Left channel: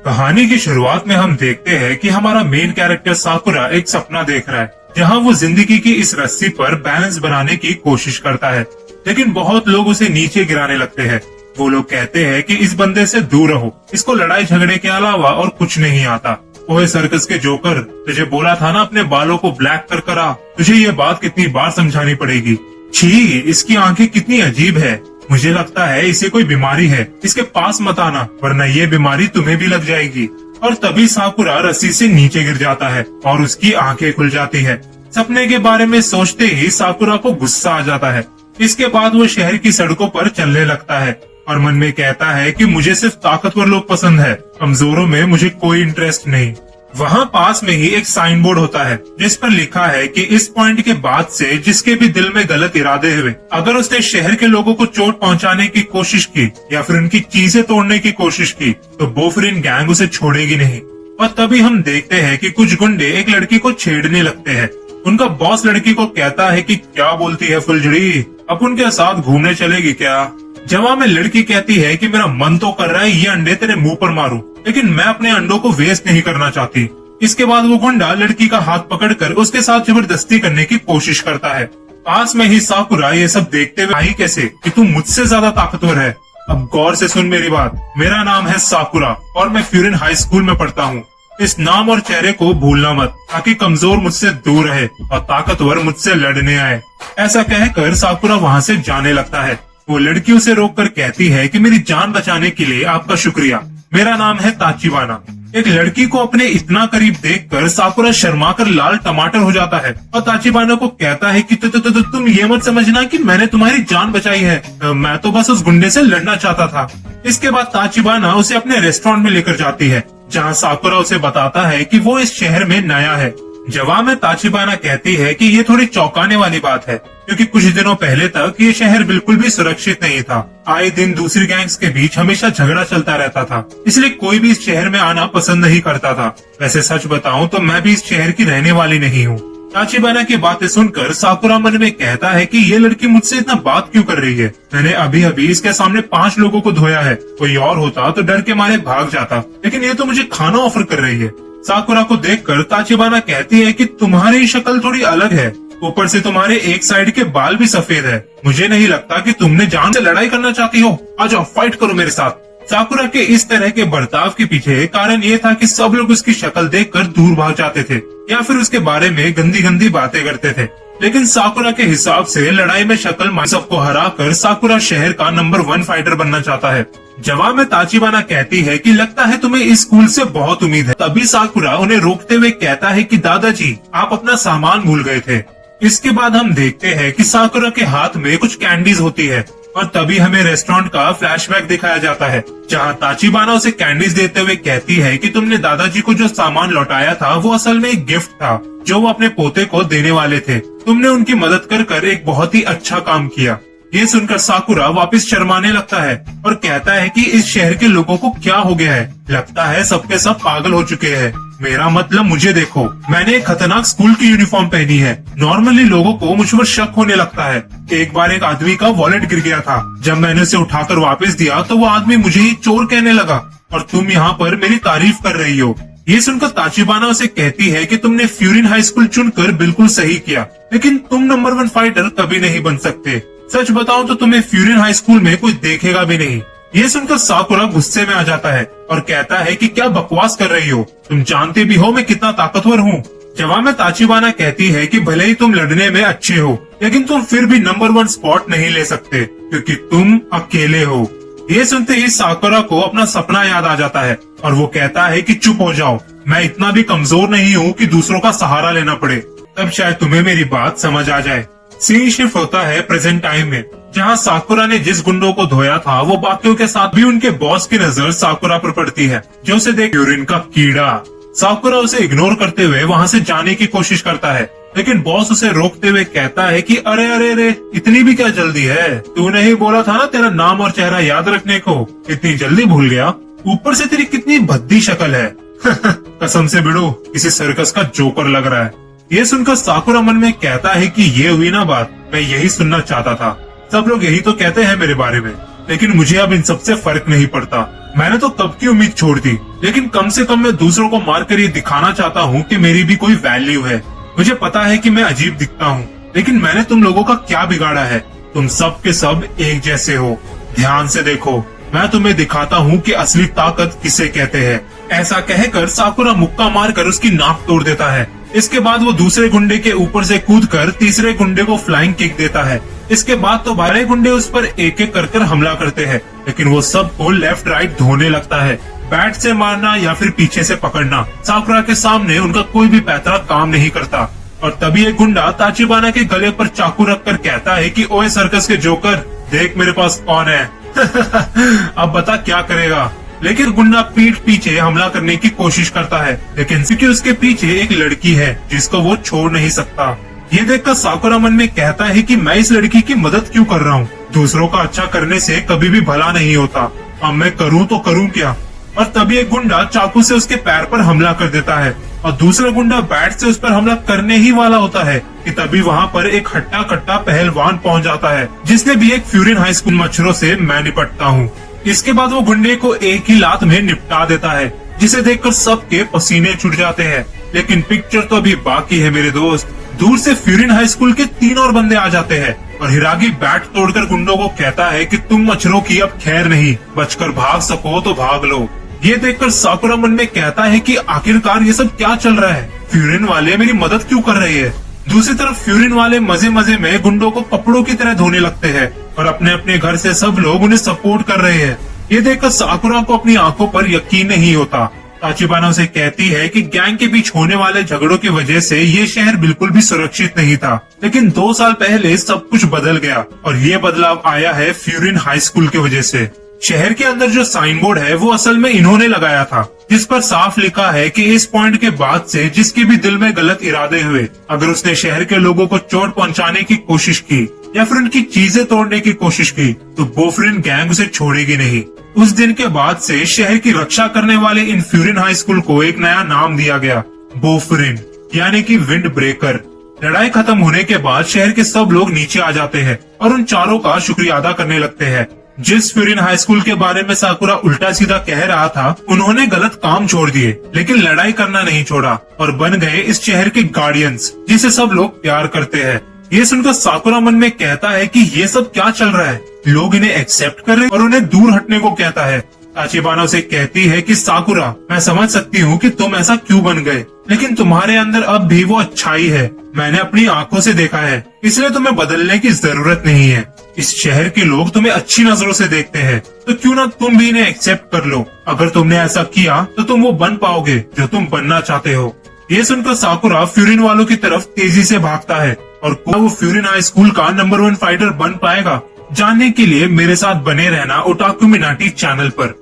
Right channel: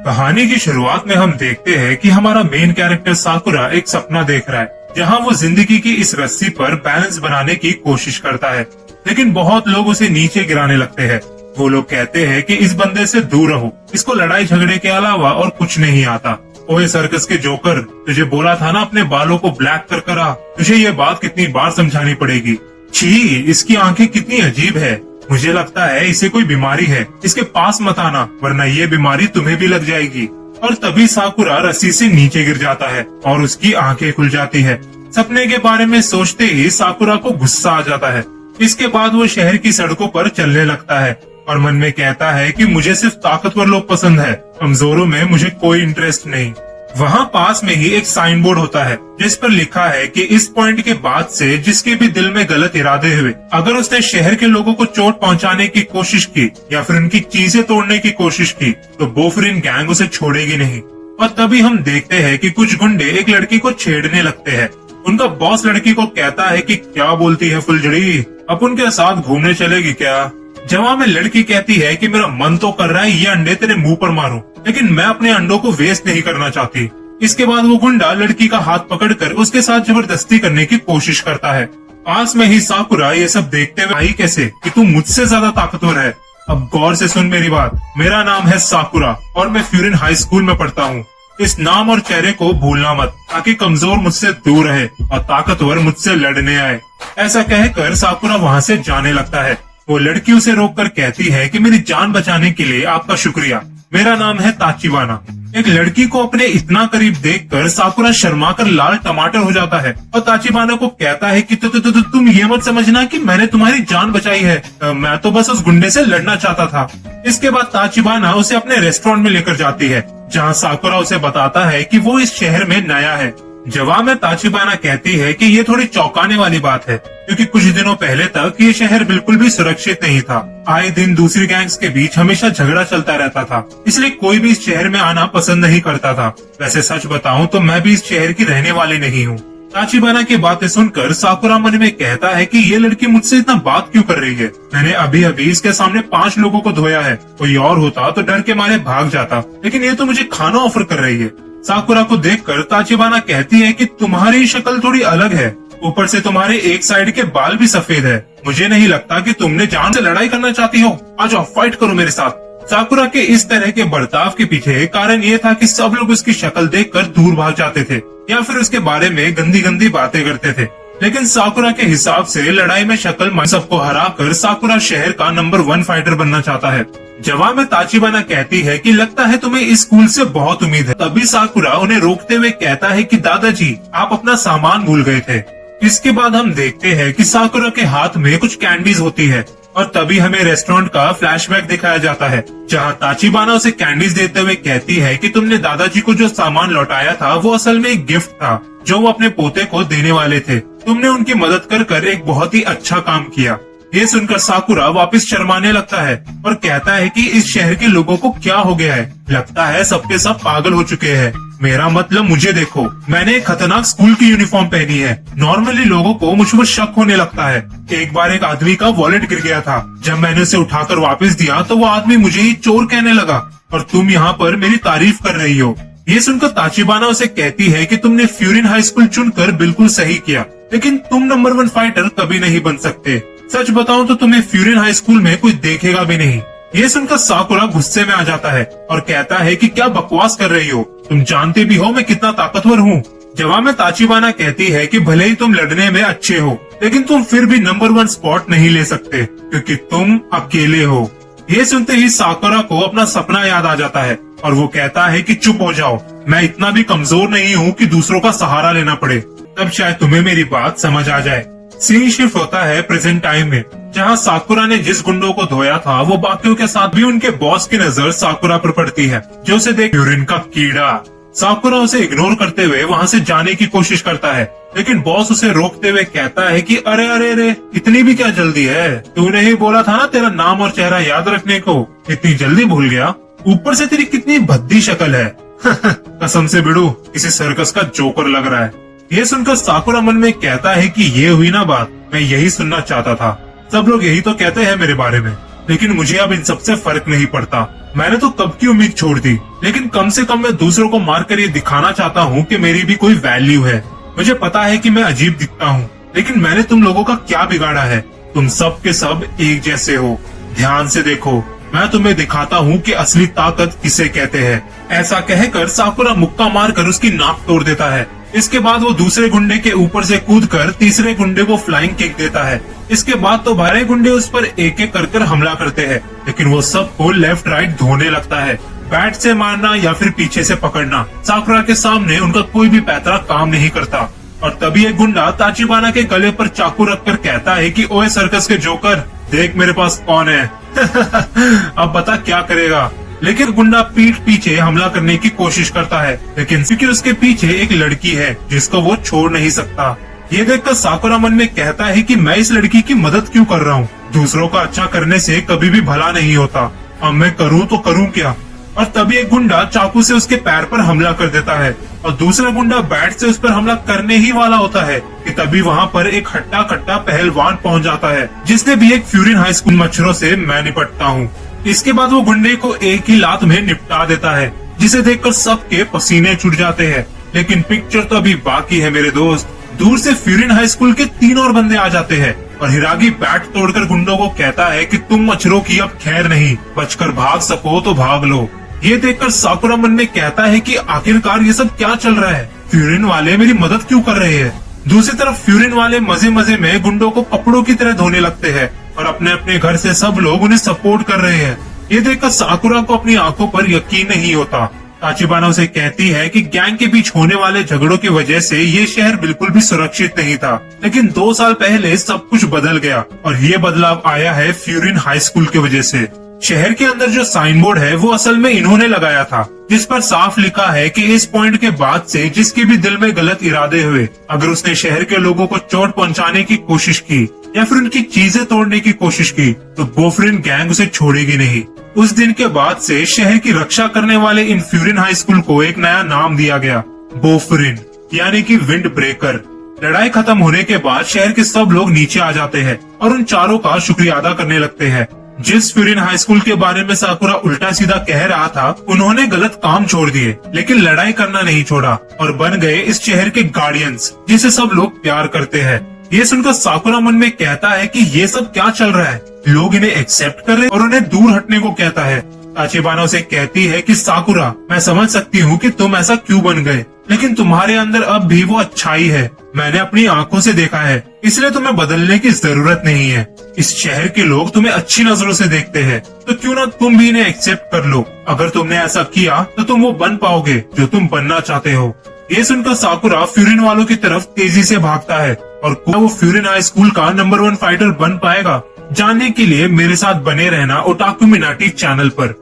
कहानी की शुरुआत में हम देखते हैं कि हमारा मेन कैरेक्टर साकुरा एक सपना देख रहा है, जहां वो जिंदगी की इस रस्सी पर बैलेंस बनाने की कोशिश करता है, लेकिन बहुत लोग उसे नीचे गिराने लगते हैं। वो लोग कहते हैं कि इस बंदे से दूर रहो, इसको लड़ाई झगड़े के अलावा और कुछ नहीं आता। ओए सर्कस के जोकर, तुझे बोला था ना अपने बालों को ब्लैक कर करा। तुझे ये बात कितनी बार समझानी पड़ेगी। छी, इसकी आंखें कितनी अजीब है। मुझे लगता है इसे कोई बीमारी है, इसके पास मत आना वरना ये बीमारी तुम्हें भी लग जाएगी। और तभी साकुरा रस्सी से नीचे गिर जाता है और उसकी आंखें खुल जाती है। सपने के बारे में सोचते ही साकुरा को गुस्सा आ जाता है। इसके बाद वो शहर की सड़कों पर चलने लगता है और मन में कहता है कि मुझे सिर्फ ताकतवर लोग पसंद है, कमजोरों में मुझे कोई इंटरेस्ट नहीं। वहाँ पास में ही एक साइन बोर्ड होता है जिस पर लिखा है कि इस पॉइंट के बाद से जिसके भी दिल में गलत इरादे हुए, अगर उसने शहर के लोगों को चोट पहुंचाने की कोशिश की या फिर उनकी चीजें तोड़ने की कोशिश की तो बोफरिन गैंग उसे छोड़ेगी नहीं। और तभी हम देखते हैं कि कुछ गुंडे एक लड़की को छेड़ने लगते हैं। उनका बॉस लड़की को कहता है कि क्या बोलती है फुलझड़ी, अब उनके साथ घूमने चलेगी क्या। जवाब में लड़की कहती है कि मेरा मन तो कर रहा है ये अंडे तेरे मुंह पर मारूं, लेकिन मैं अपने अंडों को वेस्ट नहीं करना चाहती। इसके बाद वो गुंडा लड़की का हाथ पकड़कर उसके साथ जबरदस्ती करने की कोशिश करता है। पास में ही साकुरा ये सब देखते हुए आई कैसे कि तू मुझसे ज्यादा ताकतवर है। अब गौर से सुन मेरी बात, मेरा नाम है साकुरा और मैं फ्यूरिन हाई स्कूल में पढ़ता हूँ। इस नाम और चेहरे को भूलना मत, ताकि कमजोर मुझसे दूर रहे और ताकतवर मुझसे लड़ने आए। ऐसा कहकर साकुरा वहाँ से जाने लगता है। वो लड़की उसे रोककर कहती है कि मेरी जान बचाने के लिए आपका शुक्रिया, मेरा नाम है ताचिबाना। एक लड़की को अपने इतना करीब देखकर साकुरा शर्माकर लाल टमाटर हो जाता है और ताचिबाना को कहता है कि तुम ये मत समझना कि मैंने तुम्हारी जान बचाई है, मैं तो बस उस गुंडे से लड़ना चाहता था। इसके बाद ताचिबाना उसे अपने रेस्टोरेंट में लेकर जाती है, जहाँ साकुरा उसे बताता है कि वो इस शहर में नया है। जवाब में ताचिबाना कहती है कि ये थोड़ी चौंकाने वाली बात है, क्योंकि कुछ दिनों पहले तक ये शहर बिल्कुल भी सुरक्षित नहीं था। आए दिन दूसरी गैंग्स के बीच हमेशा झगड़ा चलता रहता था, इसलिए कोई भी इस शहर में आना पसंद नहीं करता था। वैसे सच बताऊं तो मैं भी इस शहर की रहने वाली नहीं हूँ। ताचिबाना की बातें सुनकर साकुरा मन में कहता है कि ये लड़की मुझसे इतना बात क्यों कर रही है। मैंने अभी अभी इसके सामने 5 लोगों को धोया है, कोई और होता तो डर के मारे भाग जाता, लेकिन ये तो मुझे खाना ऑफर कर रही है। साकुरा को देखकर ताचिबाना कहती है कि तुम्हारी शक्ल थोड़ी अलग है, ऊपर से तुम्हारे एक साइड के बाल भी सफेद है। मुझे नहीं लगता कि तुमने जान से लड़ाई करना चाहती हो, आ जाओ फाइट करो मेरे साथ। साकुरा के इस तरह के बर्ताव के पीछे कारण ये था कि सब लोग उसकी शक्ल देखकर दूर भाग जाते थे या फिर उसके बारे में गंदी गंदी बातें करते थे। लेकिन साकुरा के हिसाब से लड़ाई में शक्ल सबको हराकर साकुरा शहर का नंबर 1 फाइटर बनना चाहता है। जवाब में ताचिबाना कहती है कि लगता है तुम्हें इस स्कूल से बहुत उम्मीद है। तभी साकुरा उन्हें रोकते हुए कहता है कि दादाजी आप अपना सामान भूल गए थे। इसके बाद हम देखते हैं कि साकुरा के हाथ में कुछ कैंडीज होती है और तभी हमें रेस्टोरेंट का फ्लैशबैक दिखाया जाता है, जहां ताचिबाना उसे कैंडीज देते हुए कहती है कि तुमने दादाजी को जो सामान लौटाया था वो असल में एक गिफ्ट था जो वो अपने पोते को देने वाले थे। तुमने उनकी मदद कर एक बहुत ही अच्छा काम किया। ये सुनकर साकुरा वापस शर्माने लगता है और कहता है कि इस शहर के लोगों को क्या हो गया है, लगता है सबके सब पागल हो चुके हैं। मेरा मतलब मुझे देखो, मैंने एक खतरनाक स्कूल की यूनिफॉर्म पहनी है। नॉर्मली लोगों को मुझ पर शक होने लगता है। एक बार एक आदमी का वॉलेट गिर गया था, जब मैंने उसे उठाकर वापस दिया तो वो आदमी मुझे ही चोर कहने लगा और तुम यहाँ पर मेरी तारीफ कर रही हो। ये सुनकर ताचिबाना उसे कहती है कि तुमने फ्यूरिन हाई स्कूल चुनकर बिल्कुल सही किया, लेकिन तुम नंबर 1 फाइटर कभी नहीं बन सकते। सच बताऊं तो तुम्हें फ्यूरिन हाई स्कूल में कोई देखेगा भी नहीं। ये सुनकर साकुरा गुस्से में आ जाता है और कहता है कि क्या बकवास कर रही हो, तुम जानते भी हो मैं कितना ताकतवर हूँ। जवाब में ताचिबाना कहती है कि भले ही तुम लड़ने में अच्छे हो, लेकिन तुम फिर भी नंबर 1 स्पॉट नहीं ले सकते, क्योंकि तुम अकेले हो। ये सुनते ही साकुरा को अपना सपना याद आ जाता है और वो कहता है कि चुप हो जाओ, मैं इतना भी कमजोर नहीं हूँ कि दूसरों का सहारा लेना पड़े। तब शायद तुम्हें मेरी बात समझ आ जाए। सीन शिफ्ट होता है प्रेजेंट टाइम में, जहाँ साकुरा ने जिस गुंडों को धोया था वो बाकियों के साथ भी उनके बॉस की नजर साकुरा पर पड़ती है, जो उसे देख यूरिन का कीड़ा। साकुरा उसे इग्नोर करते हुए वहाँ से जाने की कोशिश करता है, लेकिन बॉस उसे रोकते हुए कहता है कि अरे अरे अरे इतनी भी क्या जल्दी है, तूने ही बोला था ना तेरा नाम और चेहरा याद रखने को, इतनी जल्दी भूल गया। ऊपर से तेरी कितनी भद्दी शक्ल है कसम से बिड़ू, किसी सर्कस का जोकर लग रहा है। ये सुनकर साकुरा मन में कहता है कि ये हुई ना बात, मैं यही सुनना चाहता था। सब लोग यही तो कहते हैं मेरे बारे में। लेकिन मुझे अब इन सबसे फर्क नहीं पड़ता। मैंने तो कब की उम्मीद छोड़ दी, लेकिन कम से कम मैं दूसरों को मारकर ये दिखाना चाहता हूँ कि मेरी भी कोई वैल्यू है। मुझे पता है कि मैं अजीब दिखता हूँ, लेकिन मैंने तुम लोगों का क्या बिगाड़ा है? तुम सब के सब एक जैसे हो। ध्यान से देखो, मैं तुम्हें दिखाता हूँ कि असली ताकत किसे कहते हैं। ऐसा कहकर साकुरा मुक्का मारकर उसकी नाक तोड़ देता है। इसके बाद वो दूसरे गुंडे के ऊपर से कूदकर तीसरे गुंडे को फ्लाइंग किक देता है। इसके बाद तो बारह गुंडे उस पर एक एक कर हमला करते हैं, लेकिन वो सबको लेफ्ट राइट धोने लगता है। बैट से मारना या फिर पीछे से पकड़ना, साकुरा के सामने उनका कोई भी पैतरा काम नहीं करता। और तभी एक गुंडा ताचिबाना के गले पर चाकू रखकर कहता है कि ओए सर्कस के जोकर, देख मेरे पास कौन है। अब पता क्या करेगा। लेकिन गुंडा पीठ पीछे हमला करने की कोशिश करता है, लेकिन क्योंकि उसके पीछे एक लड़की है जिसको वो छोड़ नहीं सकता। ये देखकर साकुरा मन में कहता है कि मैं इस लड़की की मदद क्यों कर रहा हूँ? दूसरों का अच्छा करने से कभी भी भला नहीं होता। अब मैं करूँ तो करूँ क्या? और तभी एक गुंडा चाकू से उसके पैर पर हमला कर देता है और दूसरा गुंडा बैट से उस पर हमला करने ही वाला होता है कि तभी वहाँ पर एक हट्टा कट्टा पहलवान पहुँच जाता है, जिसने भी एक फ्यूरिन हाई स्कूल मच्छरों से मैं निपटता हूँ। इसके बाद वो गुंडे को एक ही लात में निपटा देता है, जिसे देखकर सबके पसीने छूट जाते हैं। लेकिन पिक्चर तो अभी बाकी है मेरे दोस्त। दूर से फ्यूरिन हाई स्कूल के 3 और बंदे आ जाते हैं और हिरागी बैट तोड़कर गुंडों को कहता है कि तुम मच्छरों की अब खैर नहीं, बचकर भाग सको तो भाग लो। ये देखकर साकुरा मन में कहता है कि आखिरकार ये सब क्या चल रहा है? फ्यूरिन वाले मेरी मदद क्यों कर रहे हैं? दूसरी तरफ फ्यूरिन वाले मजे मजे में गुंडों को कपड़ों की तरह धोने लगते हैं और अपने अपने घर से सब लोग उन्हें सपोर्ट कर रहे हैं। ये देखकर साकुरा को अपनी आंखों पर यकीन नहीं होता। ताचिबाना उसे कहती है कि गैंग के बीच होने वाले झगड़ों की वजह से ये शहर बिल्कुल भी सुरक्षित नहीं था, लेकिन 2 साल पहले सब कुछ बदल गया और ये बदलाव आया है फ्यूरिन हाई स्कूल की वजह से। शहर के अंदर जो साइन बोर्ड है वो असल में इन्होंने लगाया था, जिस पर साफ लिखा है कि इस पॉइंट के बाद से जिसके भी दिल में गलत इरादे हुए, अगर उसने शहर के लोगों को चोट पहुंचाने की कोशिश की या फिर उनकी चीजें तोड़ने की कोशिश की तो बोफरिन गैंग उसे छोड़ेगी नहीं। उस दिन के बाद से शहर की रक्षा करने वाले इन फ्यूरिन हाई स्कूल को एक नया नाम दिया गया, बोफरिन, यानी कि विंड ब्रेकर। लड़ाई खत्म होने के बाद शहर के सब लोग नीचे आ जाते हैं और उन चारों का शुक्रिया अदा करने लगते हैं। जिस फ्यूरिन हाई स्कूल के बारे में साकुरा उल्टा सीधा कह रहा था, उन्होंने गलत काम छोड़ दिए, लेकिन लड़ाई करना नहीं छोड़ा और बन गए इस शहर के गार्डियंस, जिसे सब लोग प्यार करते हैं। ये सुनकर साकुरा मन में कहता है कि ये सब क्या चल रहा है? लोग इन्हें एक्सेप्ट कर रहे और उन्हें दूर हटने को कहता है। ताचिबाना उसे कहती है कि साकुरा, मैं समझ सकती हूँ कि तुम ऐसा क्यों बन गए, लेकिन तुम्हारे अंदर अब भी वो अच्छाई है। मैंने अपनी आंखों से देखा है, इसलिए तुम्हें बदलने की जरूरत नहीं है। इस शहर के लोग तुम्हें अच्छी नजरों से देखते हैं, तो क्यों ना तुम भी इन्हें एक्सेप्ट कर लो। अगर तुमने ऐसा किया तो तुम वो बन पाओगे जो तुम बनना चाहते हो। ये सुनकर साकुरा फ्यूरिन वालों की तरफ तेजी से भागता है और क्या वो फ्यूरिन हाई स्कूल का नंबर 1 फाइटर बन पाएगा? जानने के लिए मेरे साथ बने रहना ओटाकू मिनाटी चैनल पर।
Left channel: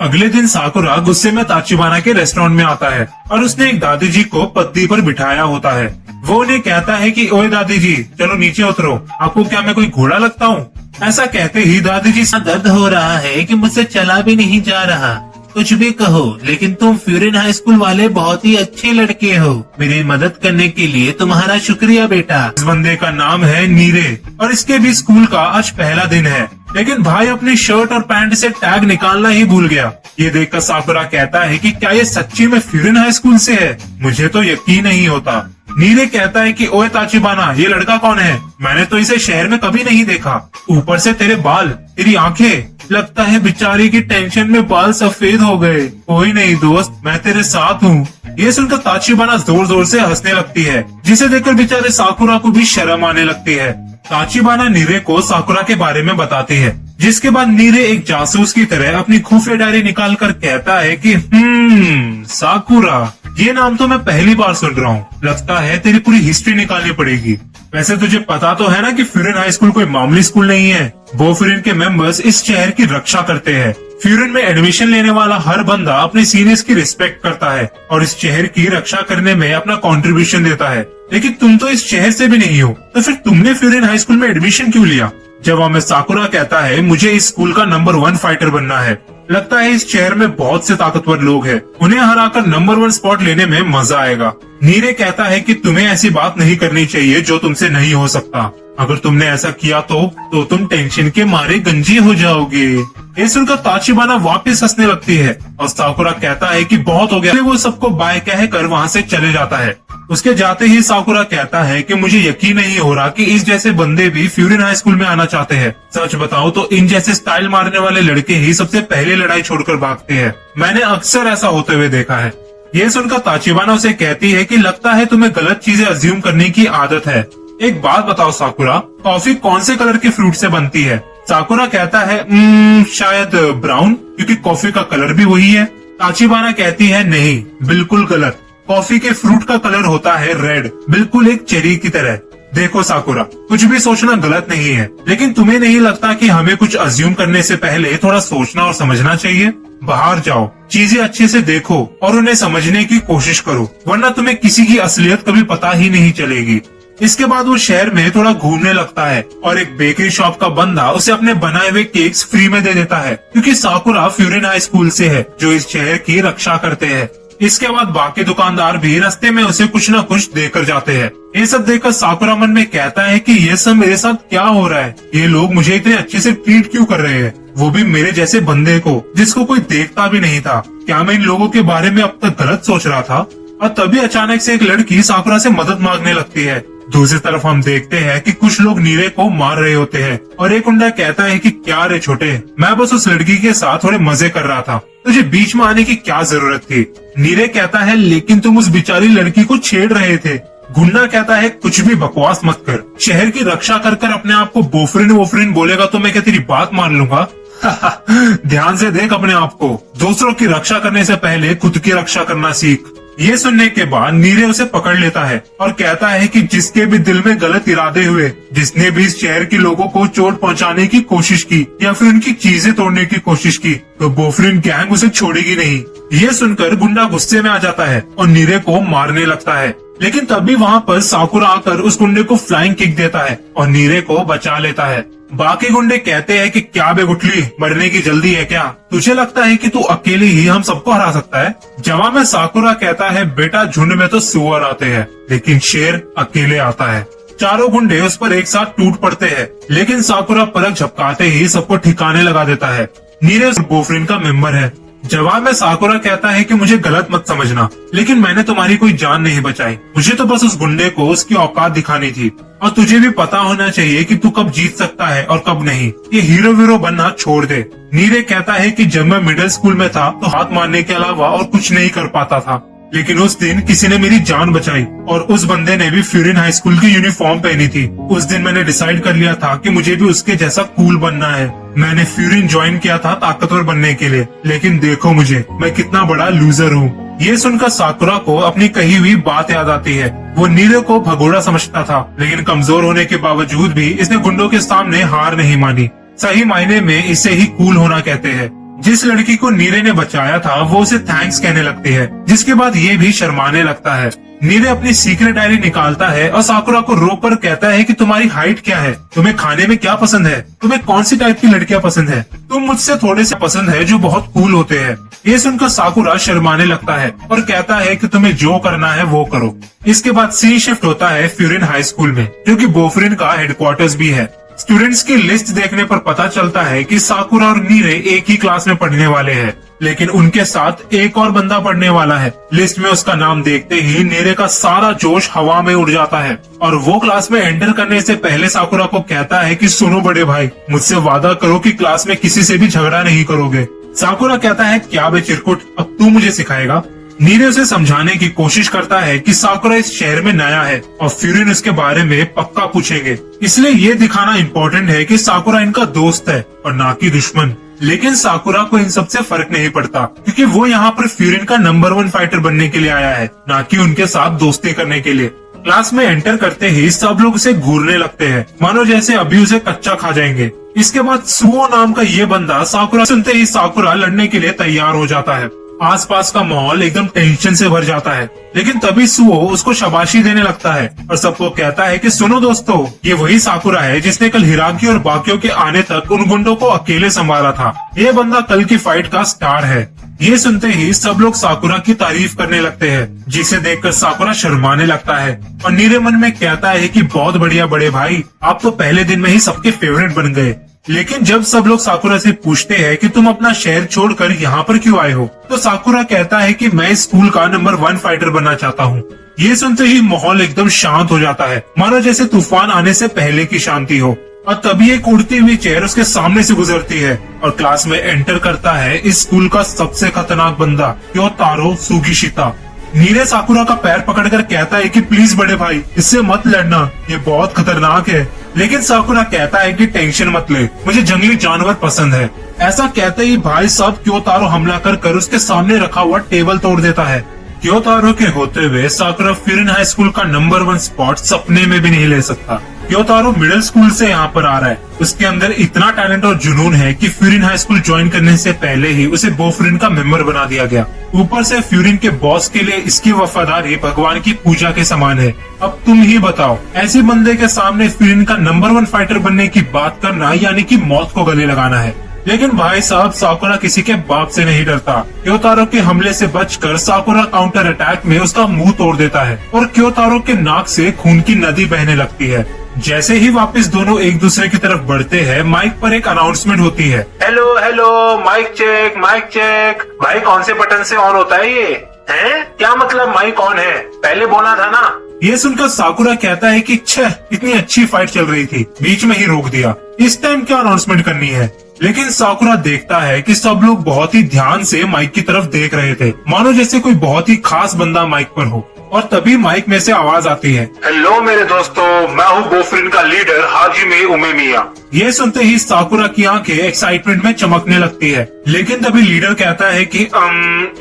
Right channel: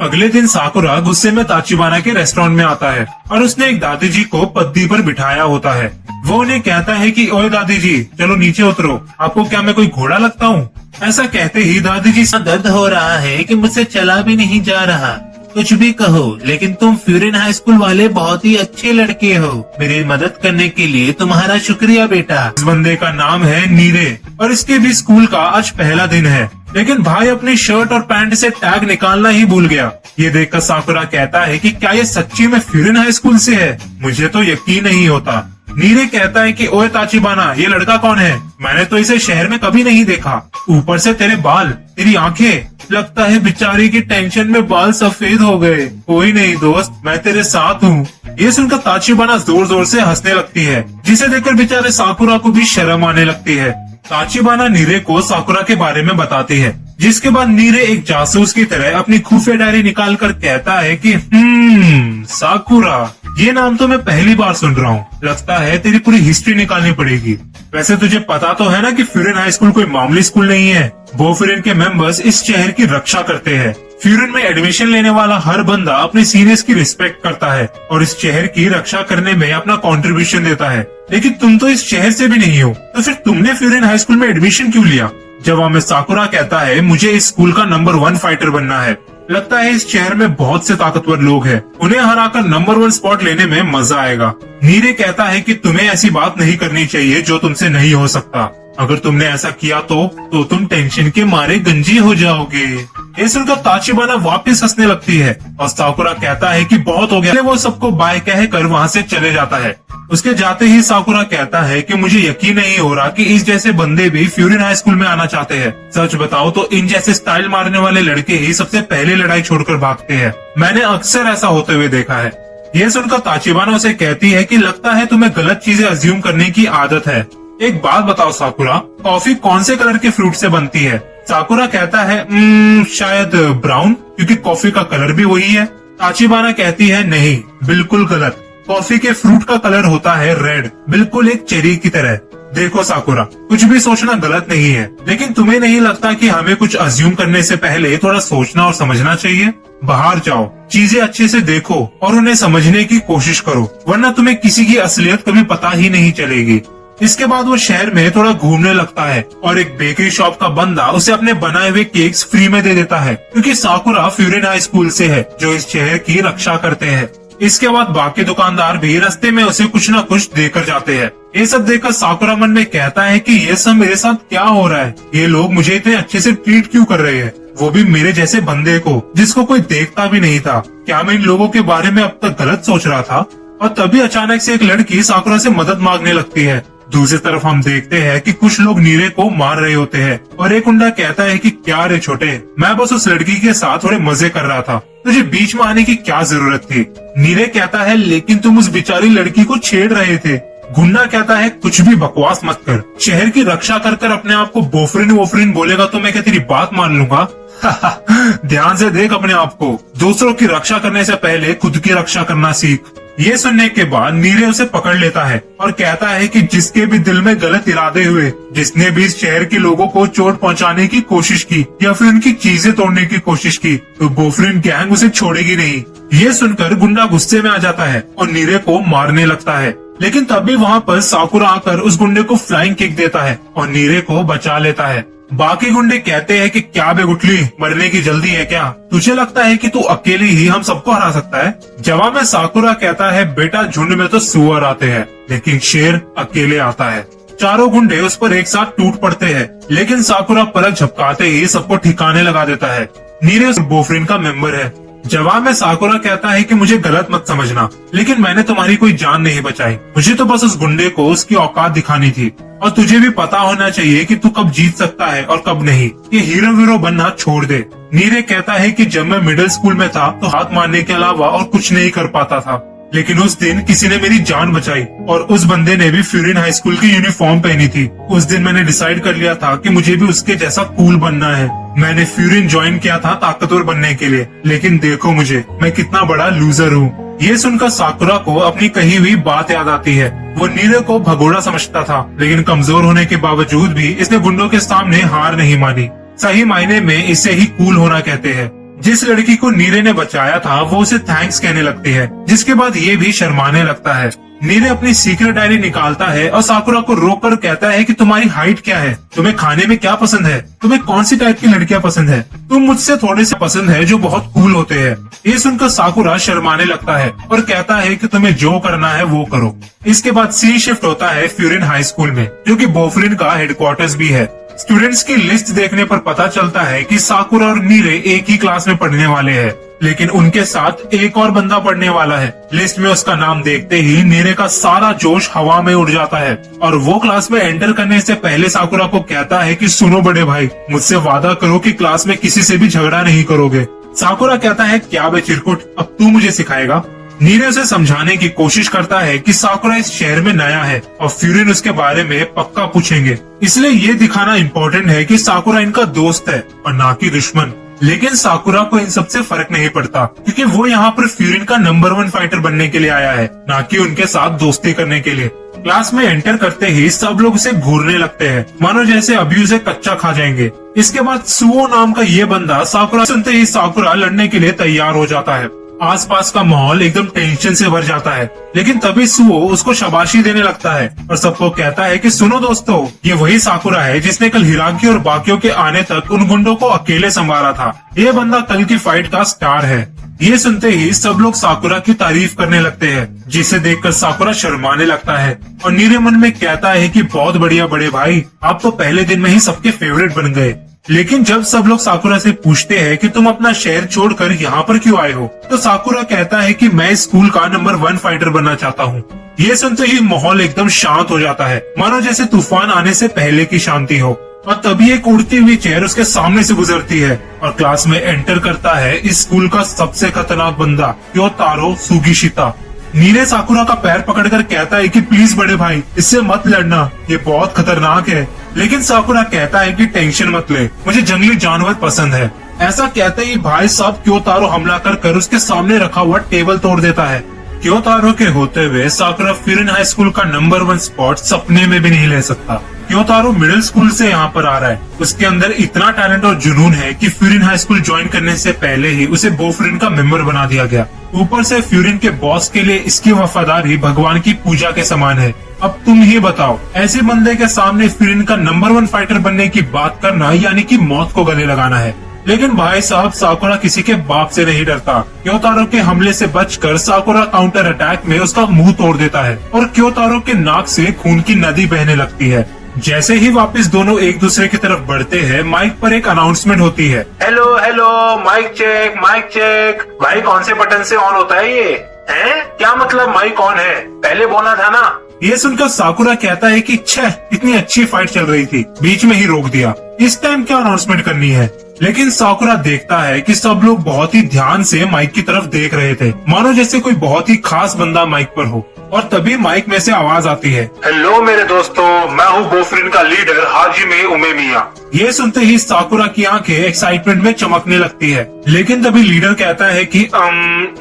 अगले दिन साकुरा गुस्से में ताचिबाना के रेस्टोरेंट में आता है और उसने एक दादी जी को पद्दी पर बिठाया होता है। वो उन्हें कहता है कि ओए दादी जी, चलो नीचे उतरो, आपको क्या मैं कोई घोड़ा लगता हूँ? ऐसा कहते ही दादी जी से दर्द हो रहा है कि मुझसे चला भी नहीं जा रहा। कुछ भी कहो, लेकिन तुम फ्यूरिन हाई स्कूल वाले बहुत ही अच्छे लड़के हो। मेरी मदद करने के लिए तुम्हारा शुक्रिया बेटा। इस बंदे का नाम है नीरे और इसके भी स्कूल का आज पहला दिन है, लेकिन भाई अपनी शर्ट और पैंट से टैग निकालना ही भूल गया। ये देखकर साकुरा कहता है कि क्या ये सच्ची में फ्यूरिन हाई स्कूल से है? मुझे तो यकीन नहीं होता। नीरे कहता है कि ओए ताचिबाना, ये लड़का कौन है? मैंने तो इसे शहर में कभी नहीं देखा। ऊपर से तेरे बाल, तेरी आंखें, लगता है बेचारे की टेंशन में बाल सफेद हो गए। कोई नहीं दोस्त, मैं तेरे साथ हूँ। ये सुनकर ताचिबाना जोर जोर से हंसने लगती है, जिसे देखकर बेचारे साकुरा को भी शर्म आने लगती है। ताचिबाना नीरे को साकुरा के बारे में बताती है, जिसके बाद नीरे एक जासूस की तरह अपनी खुफिया डायरी निकाल कर कहता है कि साकुरा, ये नाम तो मैं पहली बार सुन रहा हूँ। लगता है तेरी पूरी हिस्ट्री निकालनी पड़ेगी। वैसे तुझे पता तो है ना कि फ्यूरिन हाई स्कूल कोई मामूली स्कूल नहीं है। बोफरिन के मेंबर्स इस शहर की रक्षा करते हैं। फ्यूरिन में एडमिशन लेने वाला हर बंदा अपने सीनियर्स की रिस्पेक्ट करता है और इस शहर की रक्षा करने में अपना कंट्रीब्यूशन देता है। लेकिन तुम तो इस शहर से भी नहीं हो, तो फिर तुमने फ्यूरिन हाई स्कूल में एडमिशन क्यों लिया? जवाब में साकुरा कहता है, मुझे इस स्कूल का नंबर 1 फाइटर बनना है। लगता है इस शहर में बहुत से ताकतवर लोग हैं, उन्हें हराकर नंबर 1 स्पॉट लेने में मजा आएगा। नीरे कहता है कि तुम्हें ऐसी बात नहीं करनी चाहिए जो तुमसे नहीं हो सकता। अगर तुमने ऐसा किया तो तुम टेंशन के मारे गंजी हो जाओगे। ये सुनकर ताचिबाना वापस हंसने लगती है और साकुरा कहता है कि बहुत हो गया। वो सबको बाय कहकर वहाँ से चले जाता है। उसके जाते ही साकुरा कहता है कि मुझे यकीन नहीं हो रहा कि इस जैसे बंदे भी फ्यूरिन हाई स्कूल में आना चाहते हैं। सच बताओ तो इन जैसे स्टाइल मारने वाले लड़के ही सबसे पहले लड़ाई छोड़कर भागते हैं। मैंने अक्सर ऐसा होते हुए देखा है। ये सुनकर ताचिबाना उसे कहती है कि लगता है तुम्हें गलत चीजें अज्यूम करने की आदत है। एक बात बताओ साकुरा, कॉफी कौन से कलर के फ्रूट से बनती है? साकुरा कहता है शायद ब्राउन, क्योंकि कॉफी का कलर भी वही है। ताचिबाना कहती है नहीं, बिल्कुल गलत। कॉफी के फ्रूट का कलर होता है रेड, बिल्कुल एक चेरी की तरह। देखो साकुरा, कुछ भी सोचना गलत नहीं है, लेकिन तुम्हें नहीं लगता कि हमें कुछ अज्यूम करने से पहले थोड़ा सोचना और समझना चाहिए? बाहर जाओ, चीजें अच्छे से देखो और उन्हें समझने की कोशिश करो, वरना तुम्हें किसी की असलियत कभी पता ही नहीं चलेगी। इसके बाद वो शहर में थोड़ा घूमने लगता है और एक बेकरी शॉप का बंदा उसे अपने बनाए हुए केक्स फ्री में दे देता है, क्योंकि साकुरा फ्यूरिन हाई स्कूल से है जो इस शहर की रक्षा करते हैं। इसके बाद बाकी दुकानदार भी रास्ते में उसे कुछ न कुछ देकर जाते हैं। ये सब देखकर साकुरा मन में कहता है कि ये सब मेरे साथ क्या हो रहा है? ये लोग मुझे इतने अच्छे से ट्रीट क्यों कर रहे हैं, वो भी मेरे जैसे बंदे को जिसको कोई देखता भी नहीं था। क्या मैं इन लोगों के बारे में अब तक गलत सोच रहा था? और तभी अचानक से एक लड़की साकुरा से मदद मांगने लगती है। दूसरी तरफ हम देखते हैं कि कुछ लोग नीरे को मार रहे होते हैं और एक गुंडा कहता है कि क्या रे छोटे, मैं बस उस लड़की के साथ थोड़े मजे कर रहा था, तुझे बीच में आने की क्या जरूरत थी? नीरे कहता है लेकिन तुम उस बेचारी लड़की को छेड़ रहे थे। गुंडा कहता है कुछ भी बकवास मत कर, शहर की रक्षा कर कर अपने आप को बोफरिन वोफरिन बोलेगा तो मैं क्या तेरी बात मान लूंगा? ध्यान से देख अपने आप को, दूसरों की रक्षा करने से पहले खुद की रक्षा करना सीख। ये सुनने के बाद नीरे उसे पकड़ लेता है और कहता है कि जिसके भी दिल में गलत इरादे हुए, जिसने भी इस शहर के लोगों को चोट पहुंचाने की कोशिश की या फिर उनकी चीजें तोड़ने की कोशिश की, तो बोफरिन गैंग उसे छोड़ेगी नहीं। ये सुनकर गुंडा गुस्से में आ जाता है और नीरे को मारने लगता है, लेकिन तभी वहाँ पर साकुरा आकर उस गुंडे को फ्लाइंग किक देता है और नीरे को बचा लेता है। बाकी गुंडे कहते हैं कि क्या बे गुटली, मरने की जल्दी है क्या? तुझे लगता है कि तू अकेले ही हम सबको हरा सकता है? जवाब में साकुरा कहता है बेटा, झुंड में तो सुअर आते हैं लेकिन शेर अकेले आता है। चारों गुंडे उस पर एक साथ टूट पड़ते हैं, लेकिन साकुरा पलक झपकाते ही सबको ठिकाने लगा देता है। नीरे उस बोफरिन का मेंबर है। जवाब में साकुरा कहता है कि मुझे गलत मत समझना, लेकिन मैंने तुम्हारी कोई जान नहीं बचाई, मुझे तो बस उस गुंडे को उसकी औकात दिखानी थी। और तुझे भी पता होना चाहिए कि तू कब जीत सकता है और कब नहीं। ये हीरो वीरो बनना छोड़ दे। नीरे कहता है कि जब मैं मिडिल स्कूल में था तो हाथ मारने के अलावा और कुछ नहीं कर पाता था, लेकिन उस दिन किसी ने मेरी जान बचाई और उस बंदे ने भी फ्यूरिन हाई स्कूल की यूनिफॉर्म पहनी थी। उस दिन मैंने डिसाइड कर लिया था कि मुझे भी उसके जैसा कूल बनना है। मैंने फ्यूरिन ज्वाइन किया था ताकतवर बनने के लिए, लेकिन देखो मुझे, मैं कितना बड़ा लूजर हूँ। ये सुनकर साकुरा को अपनी कही हुई बात याद आती है। वो नीरे को भगोड़ा समझता था, लेकिन कमजोर होने के बावजूद भी इसने गुंडों के सामने हार नहीं मानी। सही मायने में इसे ही कूल होना कहते हैं। जिस लड़की को नीरे ने बचाया था वो उसे थैंक्स कहने लगती है, जिसके बाद ये भी शर्माने लगता है। नीरे अपनी सीक्रेट डायरी निकालता है और साकुरा को रोक कर कहता है कि तुम्हारी हाइट क्या है, तुम्हें खाने में क्या पसंद है, तुम्हें कौन सी टाइप की लड़कियां पसंद है, तुम मुझसे थोड़े से पसंद है जो बहुत कूल होते हैं। ये सुनकर साकुरा शर्माने लगता है और कहता है कि तुम्हें जो करना है वो करो। इसके बाद सीन शिफ्ट होता है फ्यूरिन हाई स्कूल में, जो कि बोफरिन का हेडक्वार्टर्स भी है। स्टूडेंट्स की लिस्ट देखने पर पता चलता है कि साकुरा और नीरे एक ही क्लास में पढ़ने वाले हैं, लेकिन उनके साथ एक और बंदा पढ़ने वाला है। लिस्ट में उसका नाम देखते ही नीरे का सारा जोश हवा में उड़ जाता है और वो क्लास में एंटर करने से पहले साकुरा को कहता है कि सुनो बड़े भाई, मुझसे वादा करो कि क्लास में किसी से भी झगड़ा नहीं करोगे। साकुरा कहता है क्या बे चिरकुट, अब तू मुझे सिखाएगा? नीरे उसे समझाने की कोशिश करता है कि साकुरा इस शहर में नया है और फ्यूरिन उसके बारे में पक्का पूछेंगे, इसलिए ये दिखाना इम्पोर्टेंट है कि साकुरा इनका दोस्त है और ना कि दुश्मन। लेकिन साकुरा को इन सबसे फर्क नहीं पड़ता, क्योंकि वो यहाँ पर फ्यूरिन का नंबर 1 फाइटर बनने के लिए आया है, ना कि उनके साथ दोस्ती करने के लिए। क्लास में एंटर करते ही सब लोग उसे घूरने लगते हैं, मानो जैसे अभी उसे कच्चा खा जाएंगे। इसके बाद सुओ नाम का ये बंदा साकुरा सुनते ही साकुरा लड़ने के लिए तैयार हो जाता है। आसपास का माहौल एकदम टेंशन से भर जाता है, लेकिन तभी सुओ उसको शाबाशी देने लगता है और सबको कहता है कि सुनो दोस्तों, ये वही साकुरा है जिसने कल हिराकी और बाकियों के आने तक उन गुंडों को अकेले संभाला था। ये बंदा कल की फाइट का स्टार है। ये सुनते ही सब लोग साकुरा की तारीफ करने लगते हैं, जिसे देखकर साकुरा शर्माने लगता है और नीरे मन में कहता है कि बहुत बढ़िया बड़े भाई, आप तो पहले दिन में ही सबके फेवरेट बन गए। लेकिन जब सब लोग साकुरा से पूछते हैं कि तुम अपना शहर छोड़कर यहाँ पर क्यों आए हो, तो साकुरा कहता है कि मैं स्कूल का नंबर 1 फाइटर बनना चाहता हूँ। ये सुनते ही माहौल एकदम शांत हो जाता है, मानो जैसे तूफान आने से पहले की शांति हो। और तभी एक उड़ती हुई चेयर उसके सामने से गुजरती है और क्लास में एंटर करता है इस स्कूल का सबसे खतरनाक बंदा क्योतारो सुगिशिता। नीरे साकुरा का पैर पकड़कर कहता है कि प्लीज बड़े भाई, इससे मत लड़ना, ये बहुत खतरनाक है। लेकिन साकुरा कहता है कि टेंशन मत ले, मुझे जंगली जानवर पसंद है। ऐसा कहते ही भाई साहब क्योतारो हमला कर उसके सामने रखा हुआ टेबल तोड़ देता है। क्योतारो के होते हुए साकुरा फ्यूरिन हाई स्कूल का नंबर 1 स्पॉट सपने में भी नहीं ले सकता। क्योतारो मिडिल स्कूल से यहाँ पर आ रहा है, उसके अंदर इतना टैलेंट और जुनून है कि फ्यूरिन हाई स्कूल ज्वाइन करने से पहले ही उसे बोफ्रिन का मेंबर बना दिया गया। ऊपर से फ्यूरिन के बॉस के लिए इसकी वफादारी भगवान की पूजा के समान है। अब तुम ही बताओ, ऐसे बंदे के सामने फ्यूरिन का नंबर 1 फाइटर बनने की बात करना यानी कि मौत को गले लगाना है। लेकिन भाई साहब साकुरा किसी के बाप से नहीं डरता। क्योतारो के हमले से बचकर साकुरा काउंटर अटैक में उसका मुंह तोड़ देता है और क्योतारो के नाक से खून की नदी बहने लगती है। जैसे ही वापस दोनों एक दूसरे की तरफ बढ़ते हैं, माइक पर एक अनाउंसमेंट होती है, hello hello, mike check mike check. भाई कौन से बटन से ऑन होता है ये? है क्या मतलब माइक ऑन है? पहले बोला था ना। ये सुनकर साकुरा कहता है कि छह, इतनी अच्छी फाइट चल रही थी, बीच में ही रोक दिया, इस टाइम क्या अनाउंसमेंट करनी है? लेकिन साकुरा देखता है कि सब लोग बहुत ही ध्यान से माइक की तरफ देख रहे थे, मानो जैसे कोई बहुत ही खास बंदा माइक पर हो। और तभी माइक में से आवाज आती है, हेलो मेरे दोस्तों, मैं हूँ बोफ्रिन का लीडर हाजिमे उमेमिया। ये सुनते ही साकुरा की आंखें एक्साइटमेंट में चमकने लगती है। लेकिन तभी लीडर कहता है कि